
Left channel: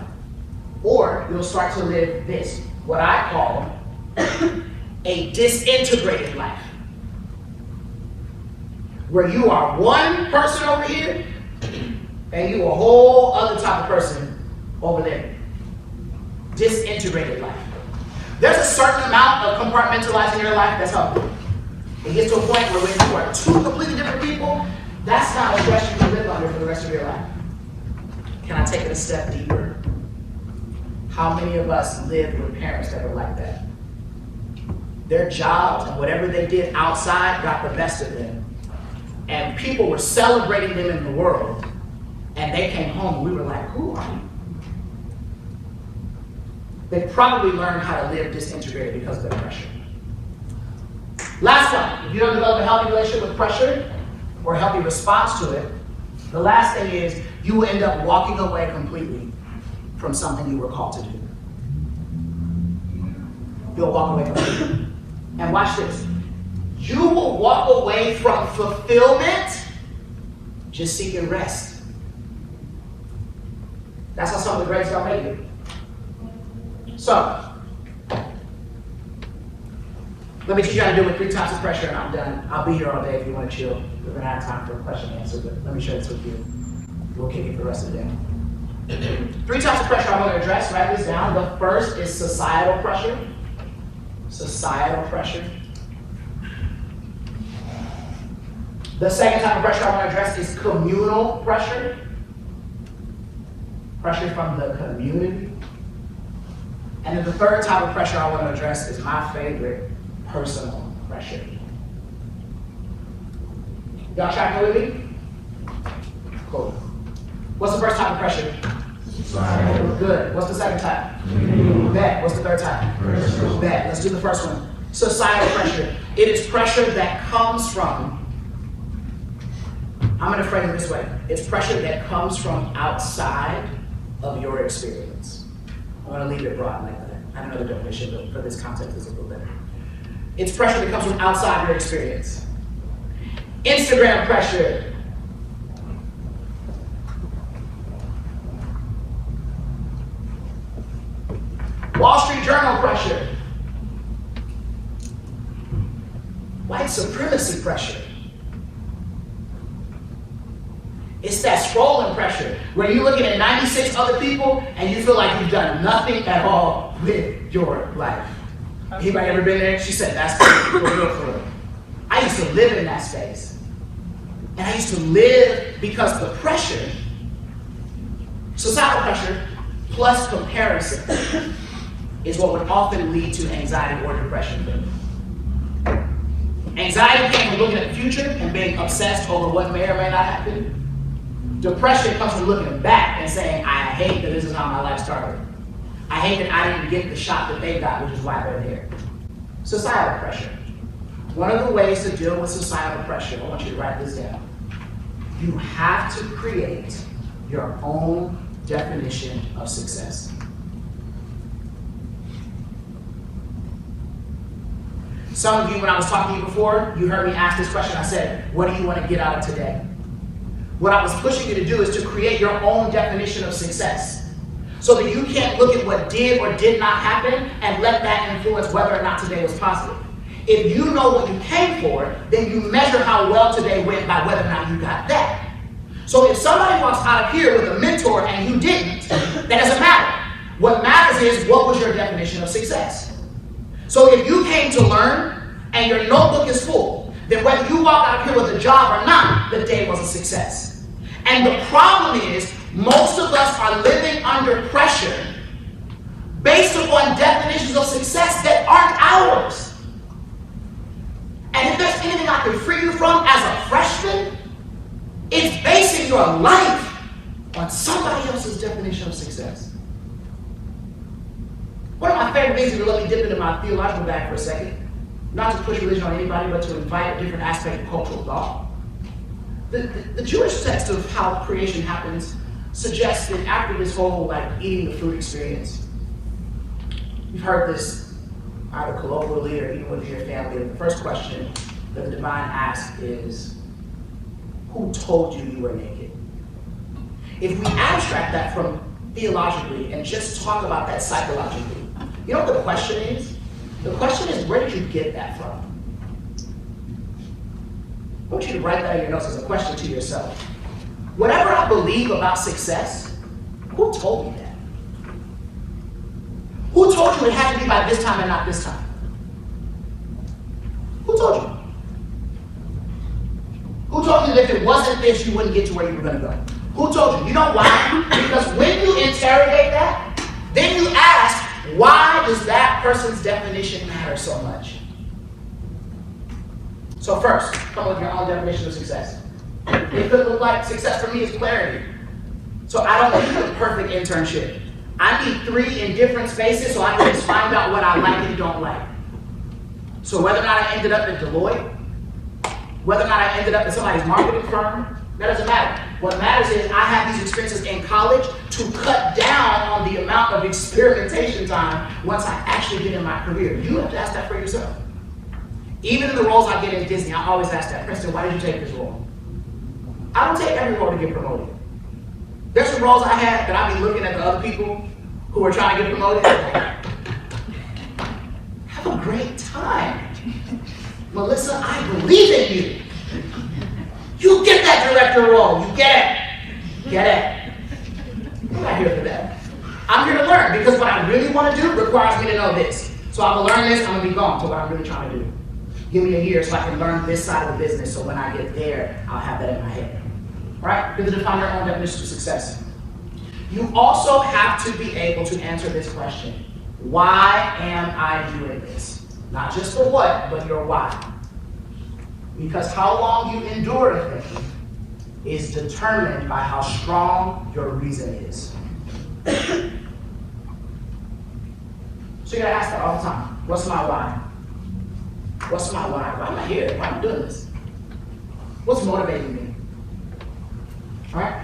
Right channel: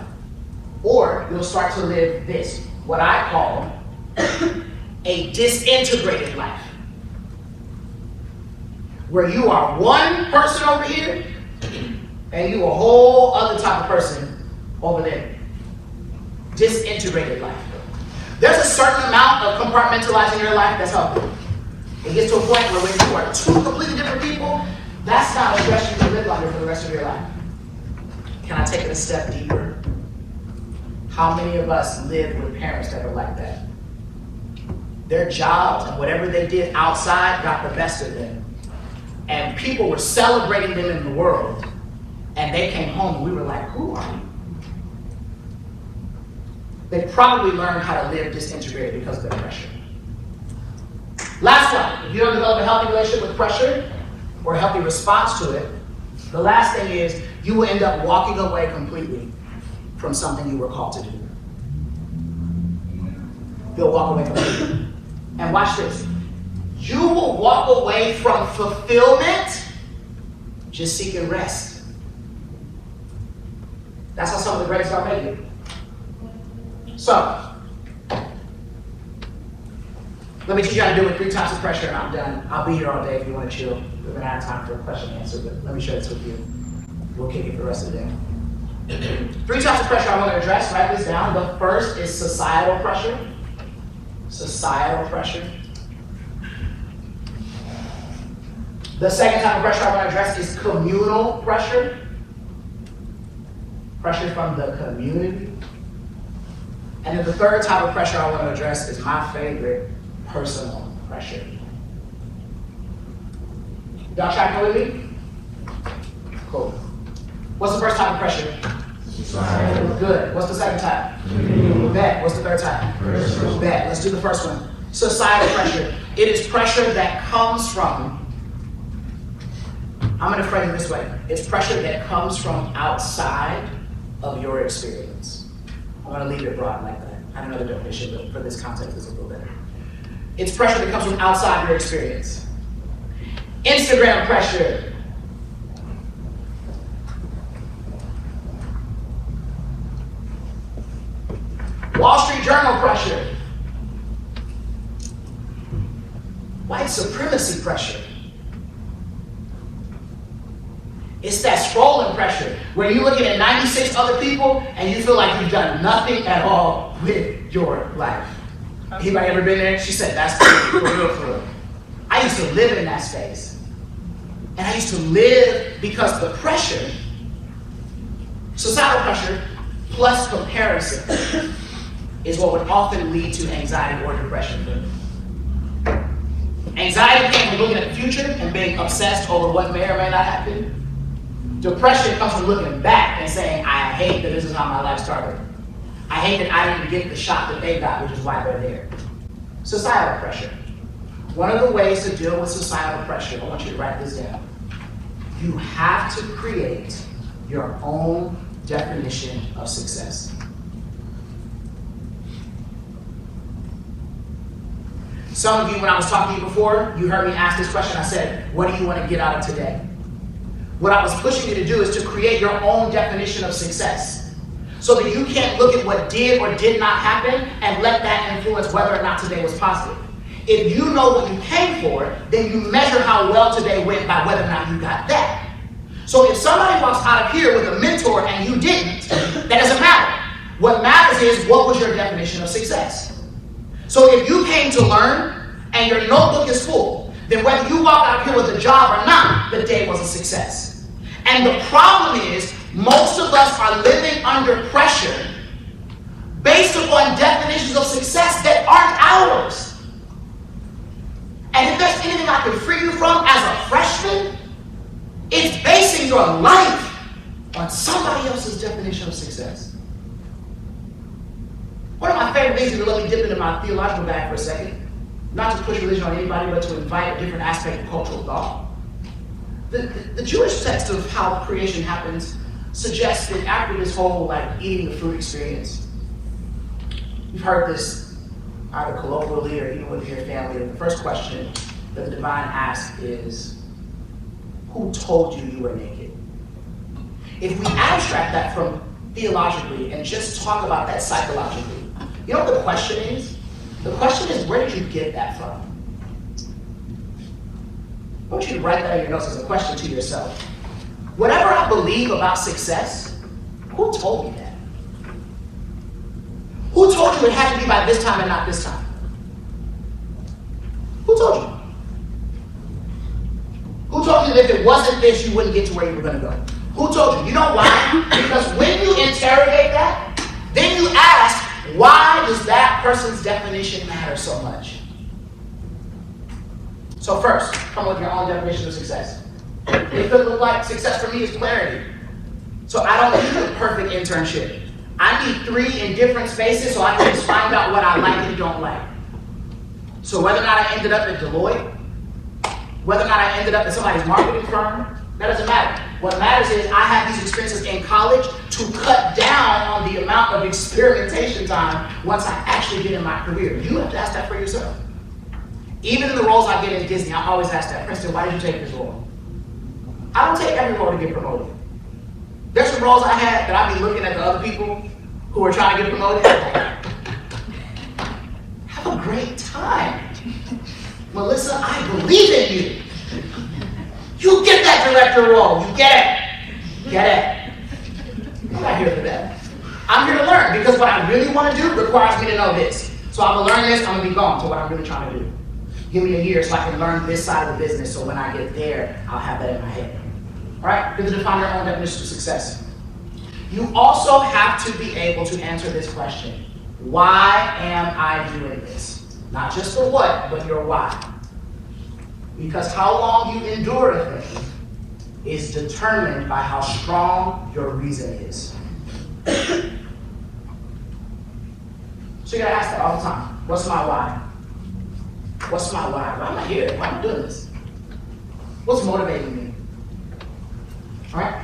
Or you'll start to live this, what I call a disintegrated life. Where you are one person over here, and you a whole other type of person over there. Disintegrated life. There's a certain amount of compartmentalizing your life that's helpful. It gets to a point where when you are two completely different people, that's not a stress you can live under for the rest of your life. Can I take it a step deeper? How many of us lived with parents that were like that? Their jobs and whatever they did outside got the best of them. And people were celebrating them in the world. And they came home and we were like, who are you? They probably learned how to live disintegrated because of the pressure. Last one, if you don't develop a healthy relationship with pressure or a healthy response to it, the last thing is you will end up walking away completely from something you were called to do. You'll walk away completely. And watch this. You will walk away from fulfillment just seeking rest. That's how some of the greats are making. So, let me teach you how to deal with 3 types of pressure. I'm done. I'll be here all day if you want to chill. We're going to have time for a question and answer, but let me share this with you. We'll kick it for the rest of the day. 3 types of pressure I want to address. Write this down. The first is societal pressure. Societal pressure. The second type of pressure I want to address is communal pressure. Pressure from the community. And then the third type of pressure I want to address is my favorite, personal pressure. Y'all tracking with me? Cool. What's the first type of pressure? Societal. Good. What's the second type? Bet. What's the third type? Bet. Let's do the first one. Societal pressure. It is pressure that comes from, I'm going to frame it this way. It's pressure that comes from outside of your experience. I'm going to leave it broad like that. I have another definition, but for this context, it's a little better. It's pressure that comes from outside your experience. Instagram pressure. Wall Street Journal pressure. White supremacy pressure. It's that scrolling pressure where you're looking at 96 other people and you feel like you've done nothing at all with your life. Anybody ever been there? She said, that's for real. I used to live in that space. And I used to live because of the pressure, societal pressure, plus comparison is what would often lead to anxiety or depression. Anxiety comes from looking at the future and being obsessed over what may or may not happen. Depression comes from looking back and saying, I hate that this is how my life started. I hate that I didn't get the shot that they got, which is why they're there. Societal pressure. One of the ways to deal with societal pressure, I want you to write this down. You have to create your own definition of success. Some of you, when I was talking to you before, you heard me ask this question. I said, what do you want to get out of today? What I was pushing you to do is to create your own definition of success so that you can't look at what did or did not happen and let that influence whether or not today was positive. If you know what you came for, then you measure how well today went by whether or not you got that. So if somebody walks out of here with a mentor and you didn't, that doesn't matter. What matters is what was your definition of success. So if you came to learn and your notebook is full, then whether you walk out of here with a job or not, the day was a success. And the problem is, most of us are living under pressure based upon definitions of success that aren't ours. And if there's anything I can free you from as a freshman, it's basing your life on somebody else's definition of success. One of my favorite things, to let me dip into my theological bag for a second, not to push religion on anybody, but to invite a different aspect of cultural thought. The Jewish text of how creation happens suggests that after this whole eating the fruit experience, you've heard this either colloquially or even within your family. The first question that the divine asks is, who told you you were naked? If we abstract that from theologically and just talk about that psychologically, you know what the question is? The question is, where did you get that from? I want you to write that in your notes as a question to yourself. Whatever I believe about success, who told me that? Who told you it had to be by this time and not this time? Who told you? Who told you that if it wasn't this, you wouldn't get to where you were going to go? Who told you? You know why? Because when you interrogate that, then you ask, why does that person's definition matter so much? So first, come with your own definition of success. It could look like success for me is clarity. So I don't need a perfect internship. I need 3 in different spaces so I can just find out what I like and don't like. So whether or not I ended up at Deloitte, whether or not I ended up at somebody's marketing firm, that doesn't matter. What matters is I have these experiences in college to cut down on the amount of experimentation time once I actually get in my career. You have to ask that for yourself. Even in the roles I get in Disney, I always ask that, Princeton, why did you take this role? I don't take every role to get promoted. There's some roles I had that I'd be looking at the other people who are trying to get promoted and like, have a great time. Melissa, I believe in you. You get that director role. You get it. Get it. I'm not here for that. I'm here to learn because what I really want to do requires me to know this. So I'm going to learn this, I'm going to be gone to what I'm really trying to do. Give me a year so I can learn this side of the business so when I get there, I'll have that in my head. Right? You're going to define your own definition of success. You also have to be able to answer this question. Why am I doing this? Not just the what, but your why. Because how long you endure a thing is determined by how strong your reason is. So you're gonna ask that all the time. What's my why? What's my why? Why am I here? Why am I doing this? What's motivating me? Alright?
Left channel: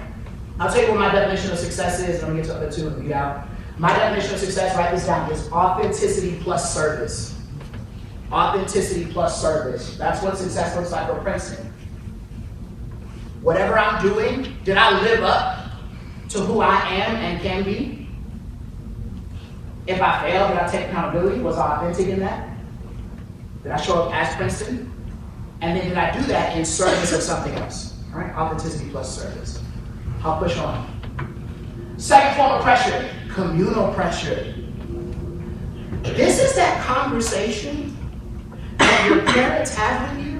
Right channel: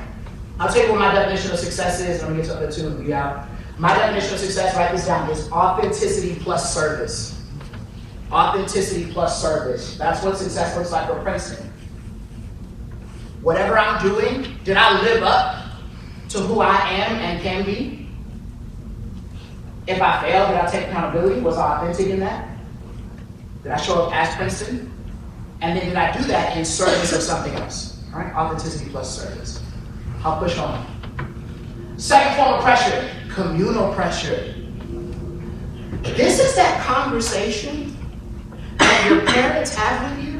I'll tell you what my definition of success is, and I'm gonna get to the 2 and be out. My definition of success, write this down, is authenticity plus service. Authenticity plus service. That's what success looks like for Princeton. Whatever I'm doing, did I live up to who I am and can be? If I failed, did I take accountability? Was I authentic in that? Did I show up as Princeton? And then did I do that in service of something else? All right? Authenticity plus service. I'll push on. Second form of pressure, communal pressure. This is that conversation that your parents have with you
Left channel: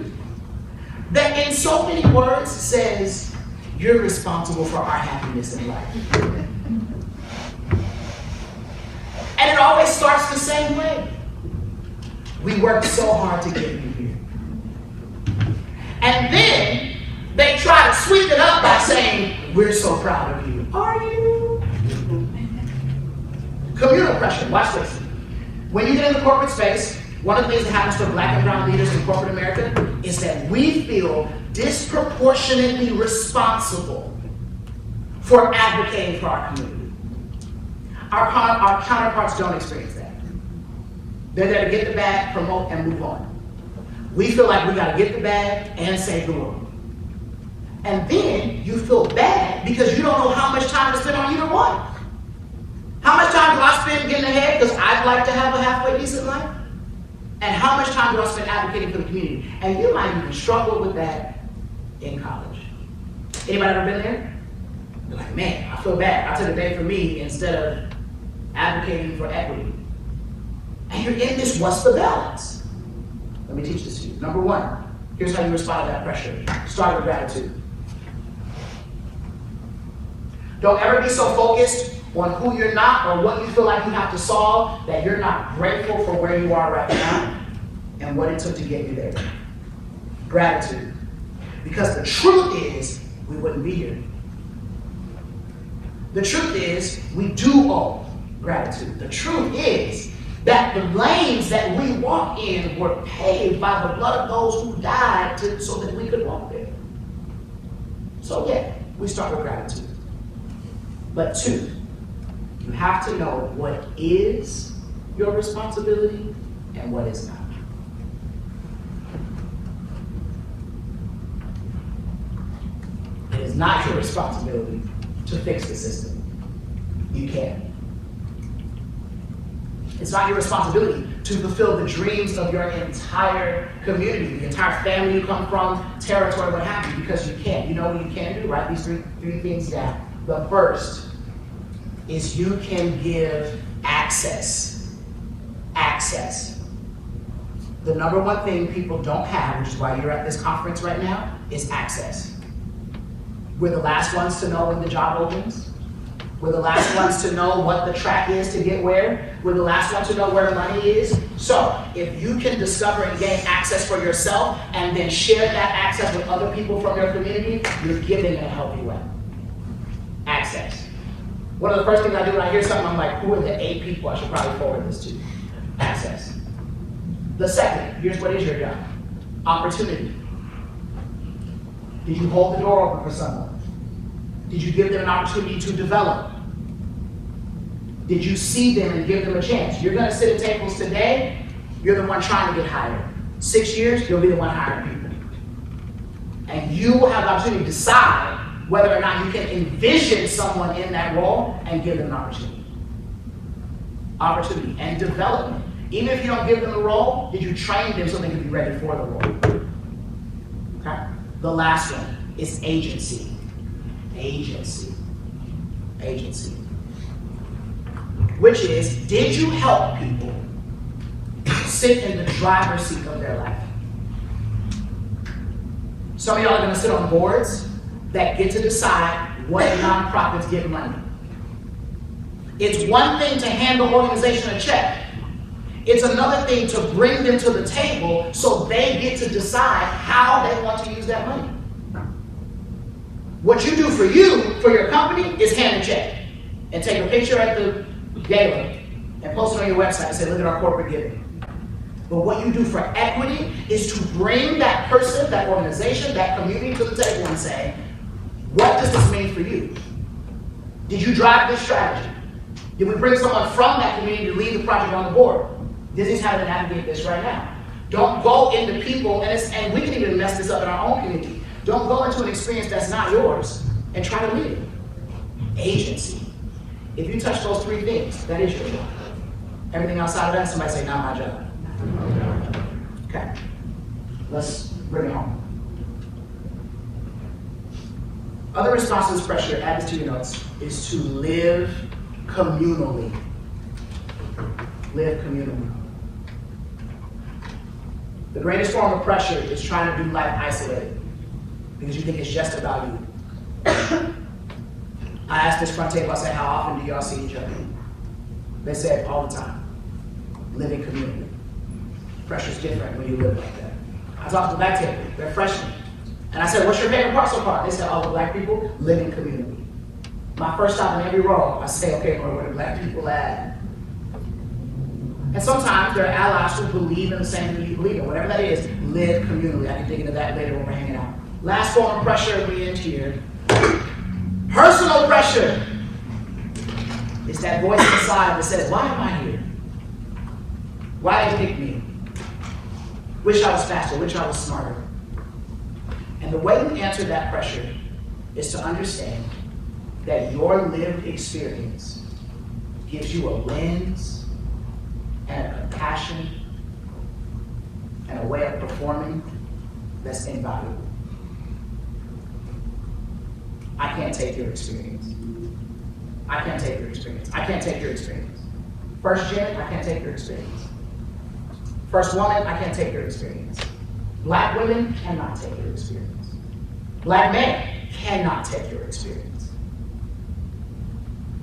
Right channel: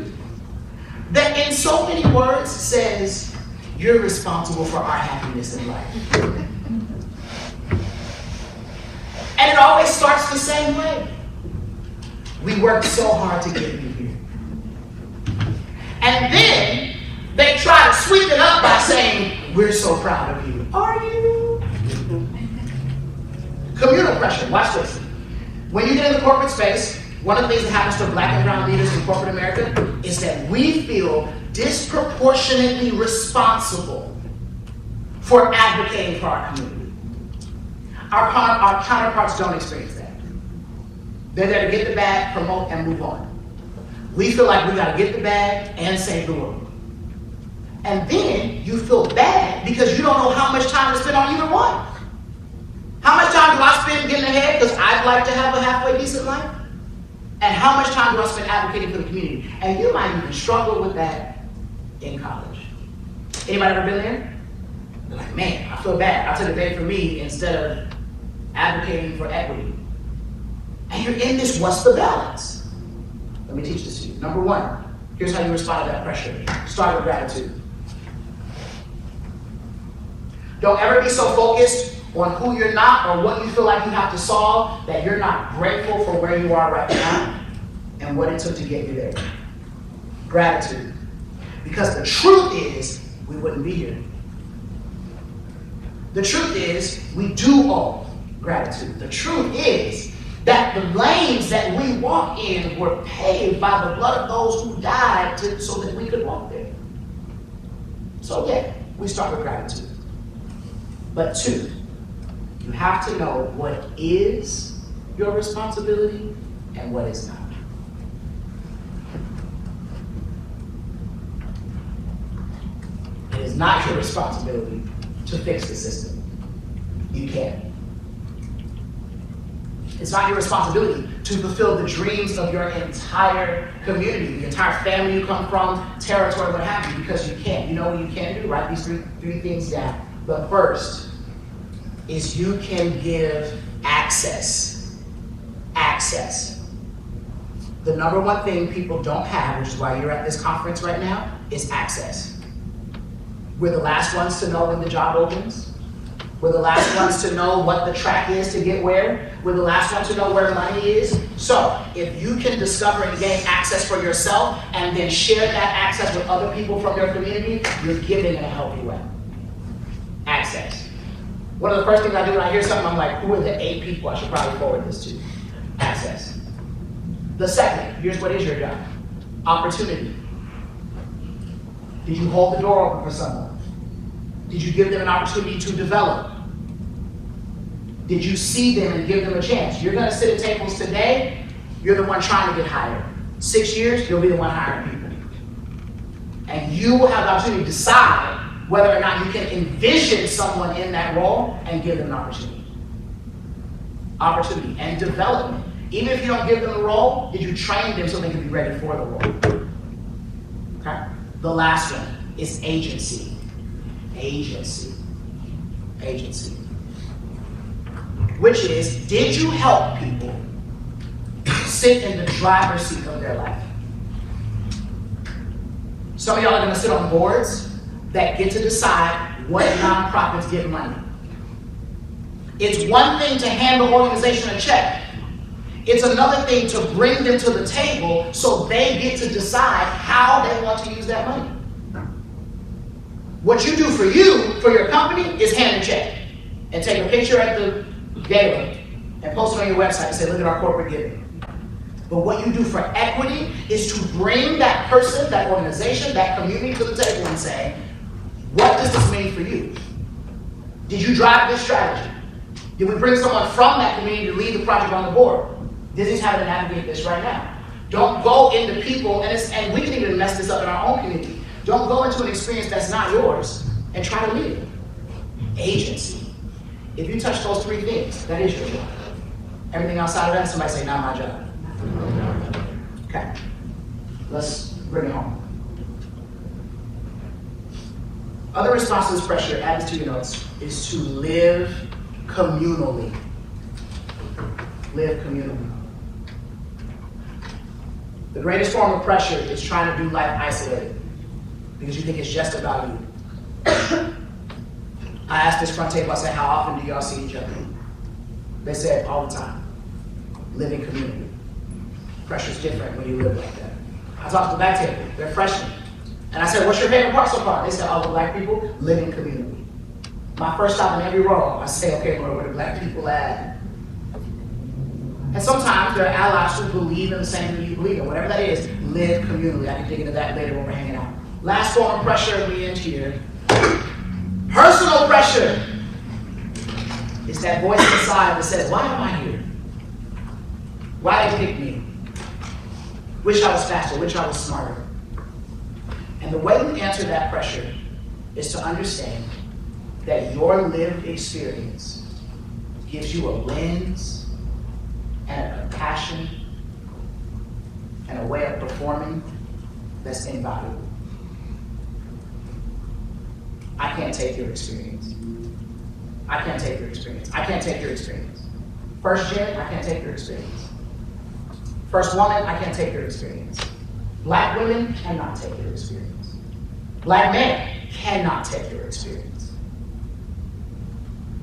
that in so many words says, you're responsible for our happiness in life. And it always starts the same way. We worked so hard to get you here. And then they try to sweep it up by saying, we're so proud of you. Are you? Communal pressure, watch this. When you get in the corporate space, one of the things that happens to Black and brown leaders in corporate America is that we feel disproportionately responsible for advocating for our community. Our counterparts don't experience that. They're there to get the bag, promote, and move on. We feel like we gotta get the bag and save the world. And then you feel bad because you don't know how much time to spend on either one. How much time do I spend getting ahead because I'd like to have a halfway decent life? And how much time do I spend advocating for the community? And you might even struggle with that in college. Anybody ever been there? You're like, man, I feel bad. I took a day for me instead of advocating for equity. And you're in this, what's the balance? Let me teach this to you. Number 1, here's how you respond to that pressure. Start with gratitude. Don't ever be so focused on who you're not or what you feel like you have to solve that you're not grateful for where you are right now and what it took to get you there. Gratitude. Because the truth is, we wouldn't be here. The truth is, we do owe gratitude. The truth is that the lanes that we walk in were paved by the blood of those who died so that we could walk there. So yeah, we start with gratitude. But 2, you have to know what is your responsibility and what is not. It is not your responsibility to fix the system. You can't. It's not your responsibility to fulfill the dreams of your entire community, the entire family you come from, territory, what have you, because you can't. You know what you can do? Write these three things down. The first is you can give access access. The number one thing people don't have, which is why you're at this conference right now, is access. We're the last ones to know when the job opens. We're the last ones to know what the track is to get where. We're the last ones to know where money is. So if you can discover and gain access for yourself and then share that access with other people from your community, you're giving in a healthy way. Access. One of the first things I do when I hear something, I'm like, who are the 8 people I should probably forward this to? Access. The second, here's what is your job. Opportunity. Did you hold the door open for someone? Did you give them an opportunity to develop? Did you see them and give them a chance? You're gonna sit at tables today, you're the one trying to get hired. 6 years, you'll be the one hiring people. And you will have the opportunity to decide whether or not you can envision someone in that role and give them an opportunity. Opportunity and development. Even if you don't give them a role, did you train them so they can be ready for the role? Okay? The last one is agency. Agency. Agency. Which is, did you help people sit in the driver's seat of their life? Some of y'all are going to sit on boards that get to decide what nonprofits give money. It's one thing to hand the organization a check. It's another thing to bring them to the table so they get to decide how they want to use that money. What you do for you, for your company, is hand a check and take a picture at the gateway and post it on your website and say, look at our corporate giving. But what you do for equity is to bring that person, that organization, that community to the table and say, what does this mean for you? Did you drive this strategy? Did we bring someone from that community to lead the project on the board? This is how to navigate this right now. Don't go into people, and we can even mess this up in our own community. Don't go into an experience that's not yours and try to lead it. Agency. If you touch those 3 things, that is your job. Everything outside of that, somebody say, not my job. Okay. Let's bring it home. Other responses pressure added to your notes is to live communally. Live communally. The greatest form of pressure is trying to do life isolated because you think it's just about you. I asked this front table, I said, how often do y'all see each other? They said, all the time. Living community. Pressure's different when you live like that. I talked to the back table, they're freshmen. And I said, what's your favorite part so far? They said, all the black people, living community. My first stop in every row, I say, okay, where the black people at? And sometimes there are allies who believe in the same thing you believe in, whatever that is, live communally. I can dig into that later when we're hanging out. Last form of pressure we end here. Personal pressure is that voice inside that says, why am I here? Why did they pick me? Wish I was faster, wish I was smarter. And the way you answer that pressure is to understand that your lived experience gives you a lens and a passion and a way of performing that's invaluable. I can't take your experience. I can't take your experience. I can't take your experience. First gen, I can't take your experience. First woman, I can't take your experience. Black women cannot take your experience. Black men cannot take your experience.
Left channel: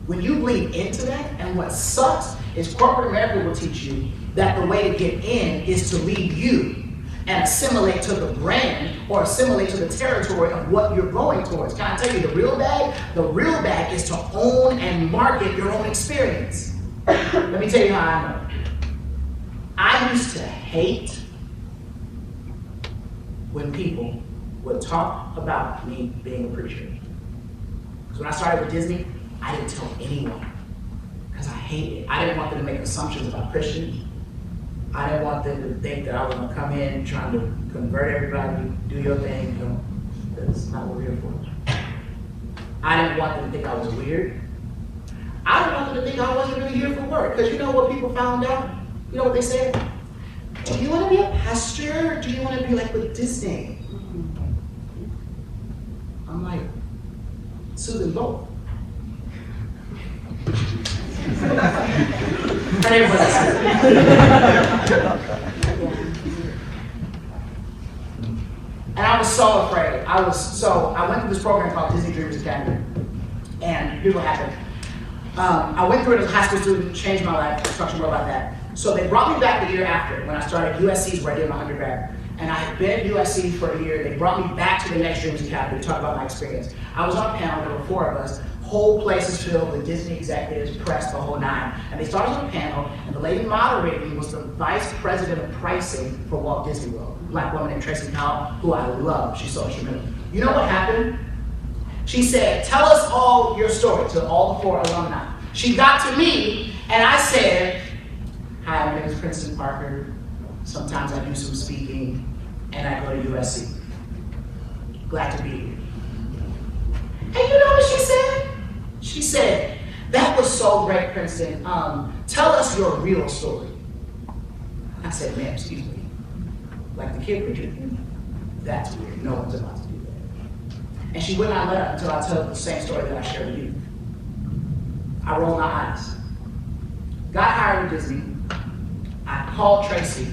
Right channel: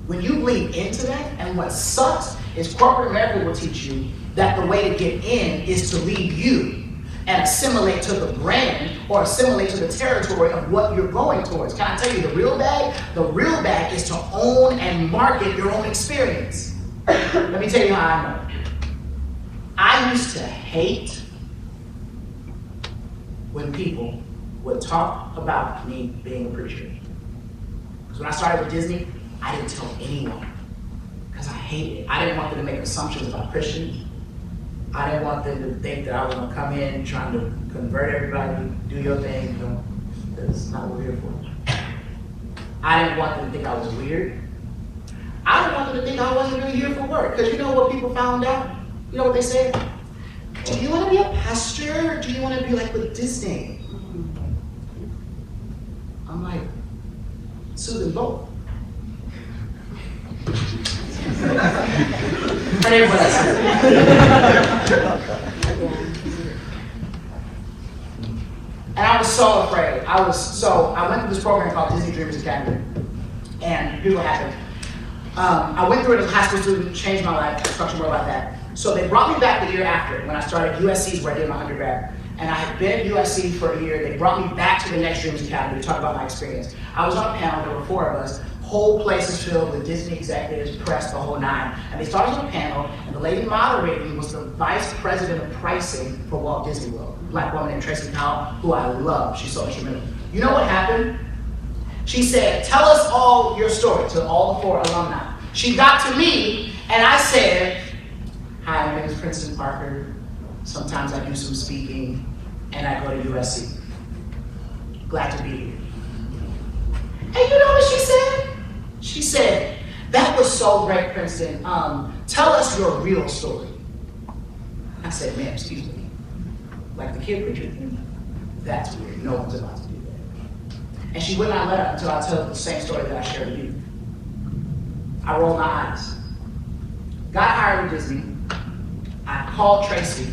When you lean into that, and what sucks is corporate America will teach you that the way to get in is to lead you and assimilate to the brand or assimilate to the territory of what you're going towards. Can I tell you the real bag? The real bag is to own and market your own experience. Let me tell you how I know. I used to hate when people would talk about me being a preacher. Because when I started with Disney, I didn't tell anyone. Because I hated it. I didn't want them to make assumptions about Christians. I didn't want them to think that I was going to come in trying to convert everybody, do your thing. You know, that's not what we're here for. I didn't want them to think I was weird. I didn't want them to think I wasn't really here for work. Because you know what people found out? You know what they said? Do you want to be a pastor or do you want to be like with Disney? I'm like, so then both. Pray for us. So I went through this program called Disney Dreamers Academy, and here's what happened. I went through it as a high school student, changed my life, I'll talk more about that. So they brought me back the year after, when I started USC, where I did my undergrad. And I had been at USC for a year. They brought me back to the Next Dreamers Academy to talk about my experience. I was on a panel, there were 4 of us, whole place is filled with Disney executives, press, the whole 9. And they started the panel, and the lady moderating was the vice president of pricing for Walt Disney World, a black woman named Tracy Powell, who I love. She's so instrumental. You know what happened? She said, tell us all your story, to all the 4 alumni. She got to me, and I said, hi, my name is Princeton Parker. Sometimes I do some speaking, and I go to USC. Glad to be here. And you know what she said? She said, that was so great, Princeton. Tell us your real story. I said, ma'am, excuse me. Like the kid preacher, that's weird. No one's about to do that. And she would not let up until I tell the same story that I shared with you. I rolled my eyes. Got hired at Disney. I called Tracy,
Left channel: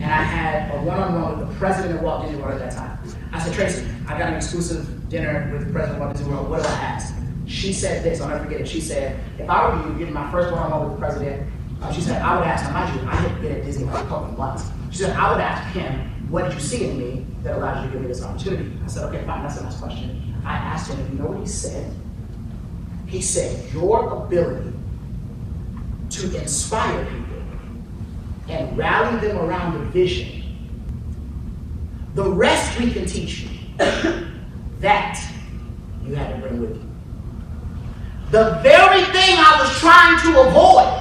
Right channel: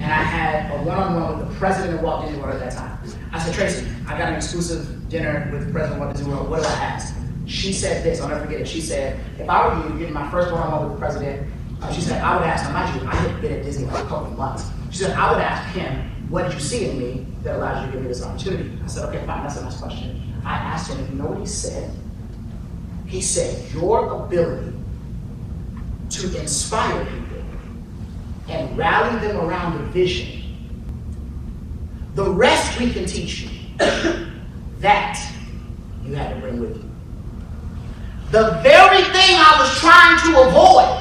and I had a one-on-one with the president of Walt Disney World at that time. I said, Tracy, I got an exclusive dinner with the president of Walt Disney World. What do I ask? She said this, I'll never forget it. She said, if I were you, getting my first one-on-one with the president, she said, I would ask him, I had been at Disney for a couple of months. She said, I would ask him, what did you see in me that allowed you to give me this opportunity? I said, okay, fine, that's a nice question. I asked him, and you know what he said? He said, your ability to inspire people and rally them around a vision, the rest we can teach you. That you had to bring with you. The very thing I was trying to avoid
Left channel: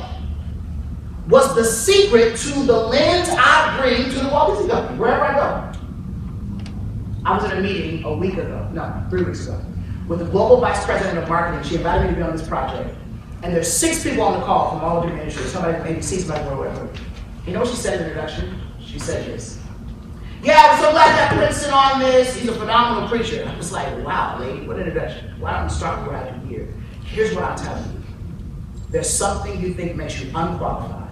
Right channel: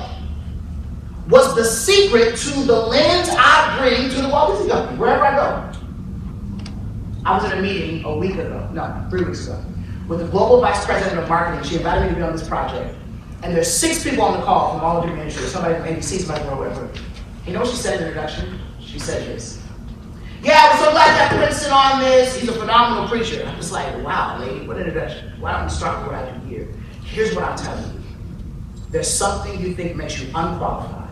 was the secret to the lens I bring to the Walt Disney Company, wherever I go. I was at a meeting a week ago, no, 3 weeks ago, with the global vice president of marketing. She invited me to be on this project. And there's 6 people on the call from all of different industries, somebody from ABC, somebody from whatever. You know what she said in the introduction? She said this. Yeah, I'm so glad that Princeton on this. He's a phenomenal preacher. I'm just like, wow, lady, what introduction. Why don't you start with what I do here? Here's what I'm telling you. There's something you think makes you unqualified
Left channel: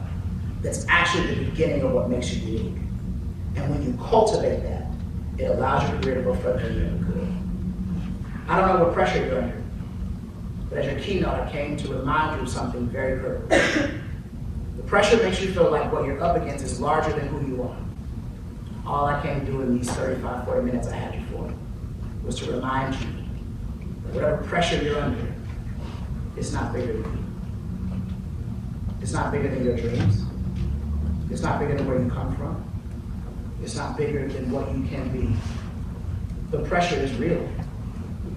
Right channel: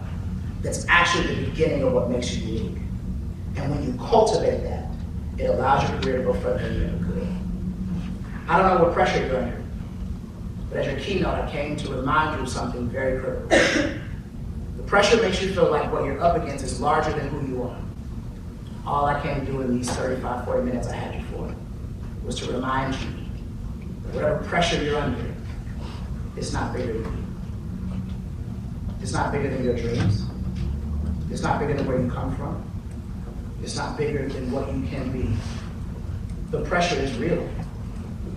that's actually the beginning of what makes you unique. And when you cultivate that, it allows your career to go further than you could. I don't know what pressure you're under, but as your keynote, I came to remind you of something very critical. The pressure makes you feel like what you're up against is larger than who you are. All I came to do in these 35, 40 minutes I had you for was to remind you that whatever pressure you're under, it's not bigger than you. It's not bigger than your dreams. It's not bigger than where you come from. It's not bigger than what you can be. The pressure is real,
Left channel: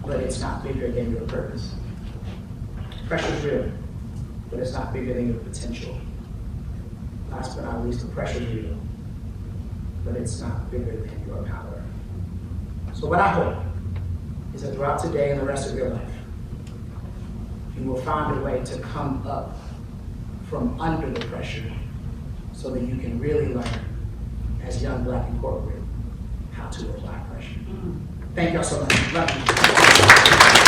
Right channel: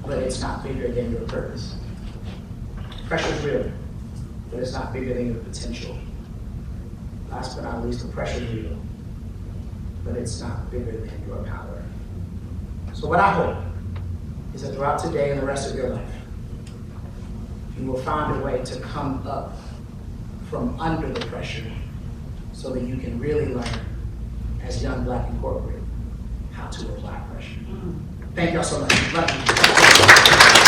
but it's not bigger than your purpose. Pressure is real, but it's not bigger than your potential. Last but not least, the pressure is real, but it's not bigger than your power. So what I hope is that throughout today and the rest of your life, you will find a way to come up from under the pressure so that you can really learn, as young Black and corporate, how to apply pressure. Thank y'all so much. Love you.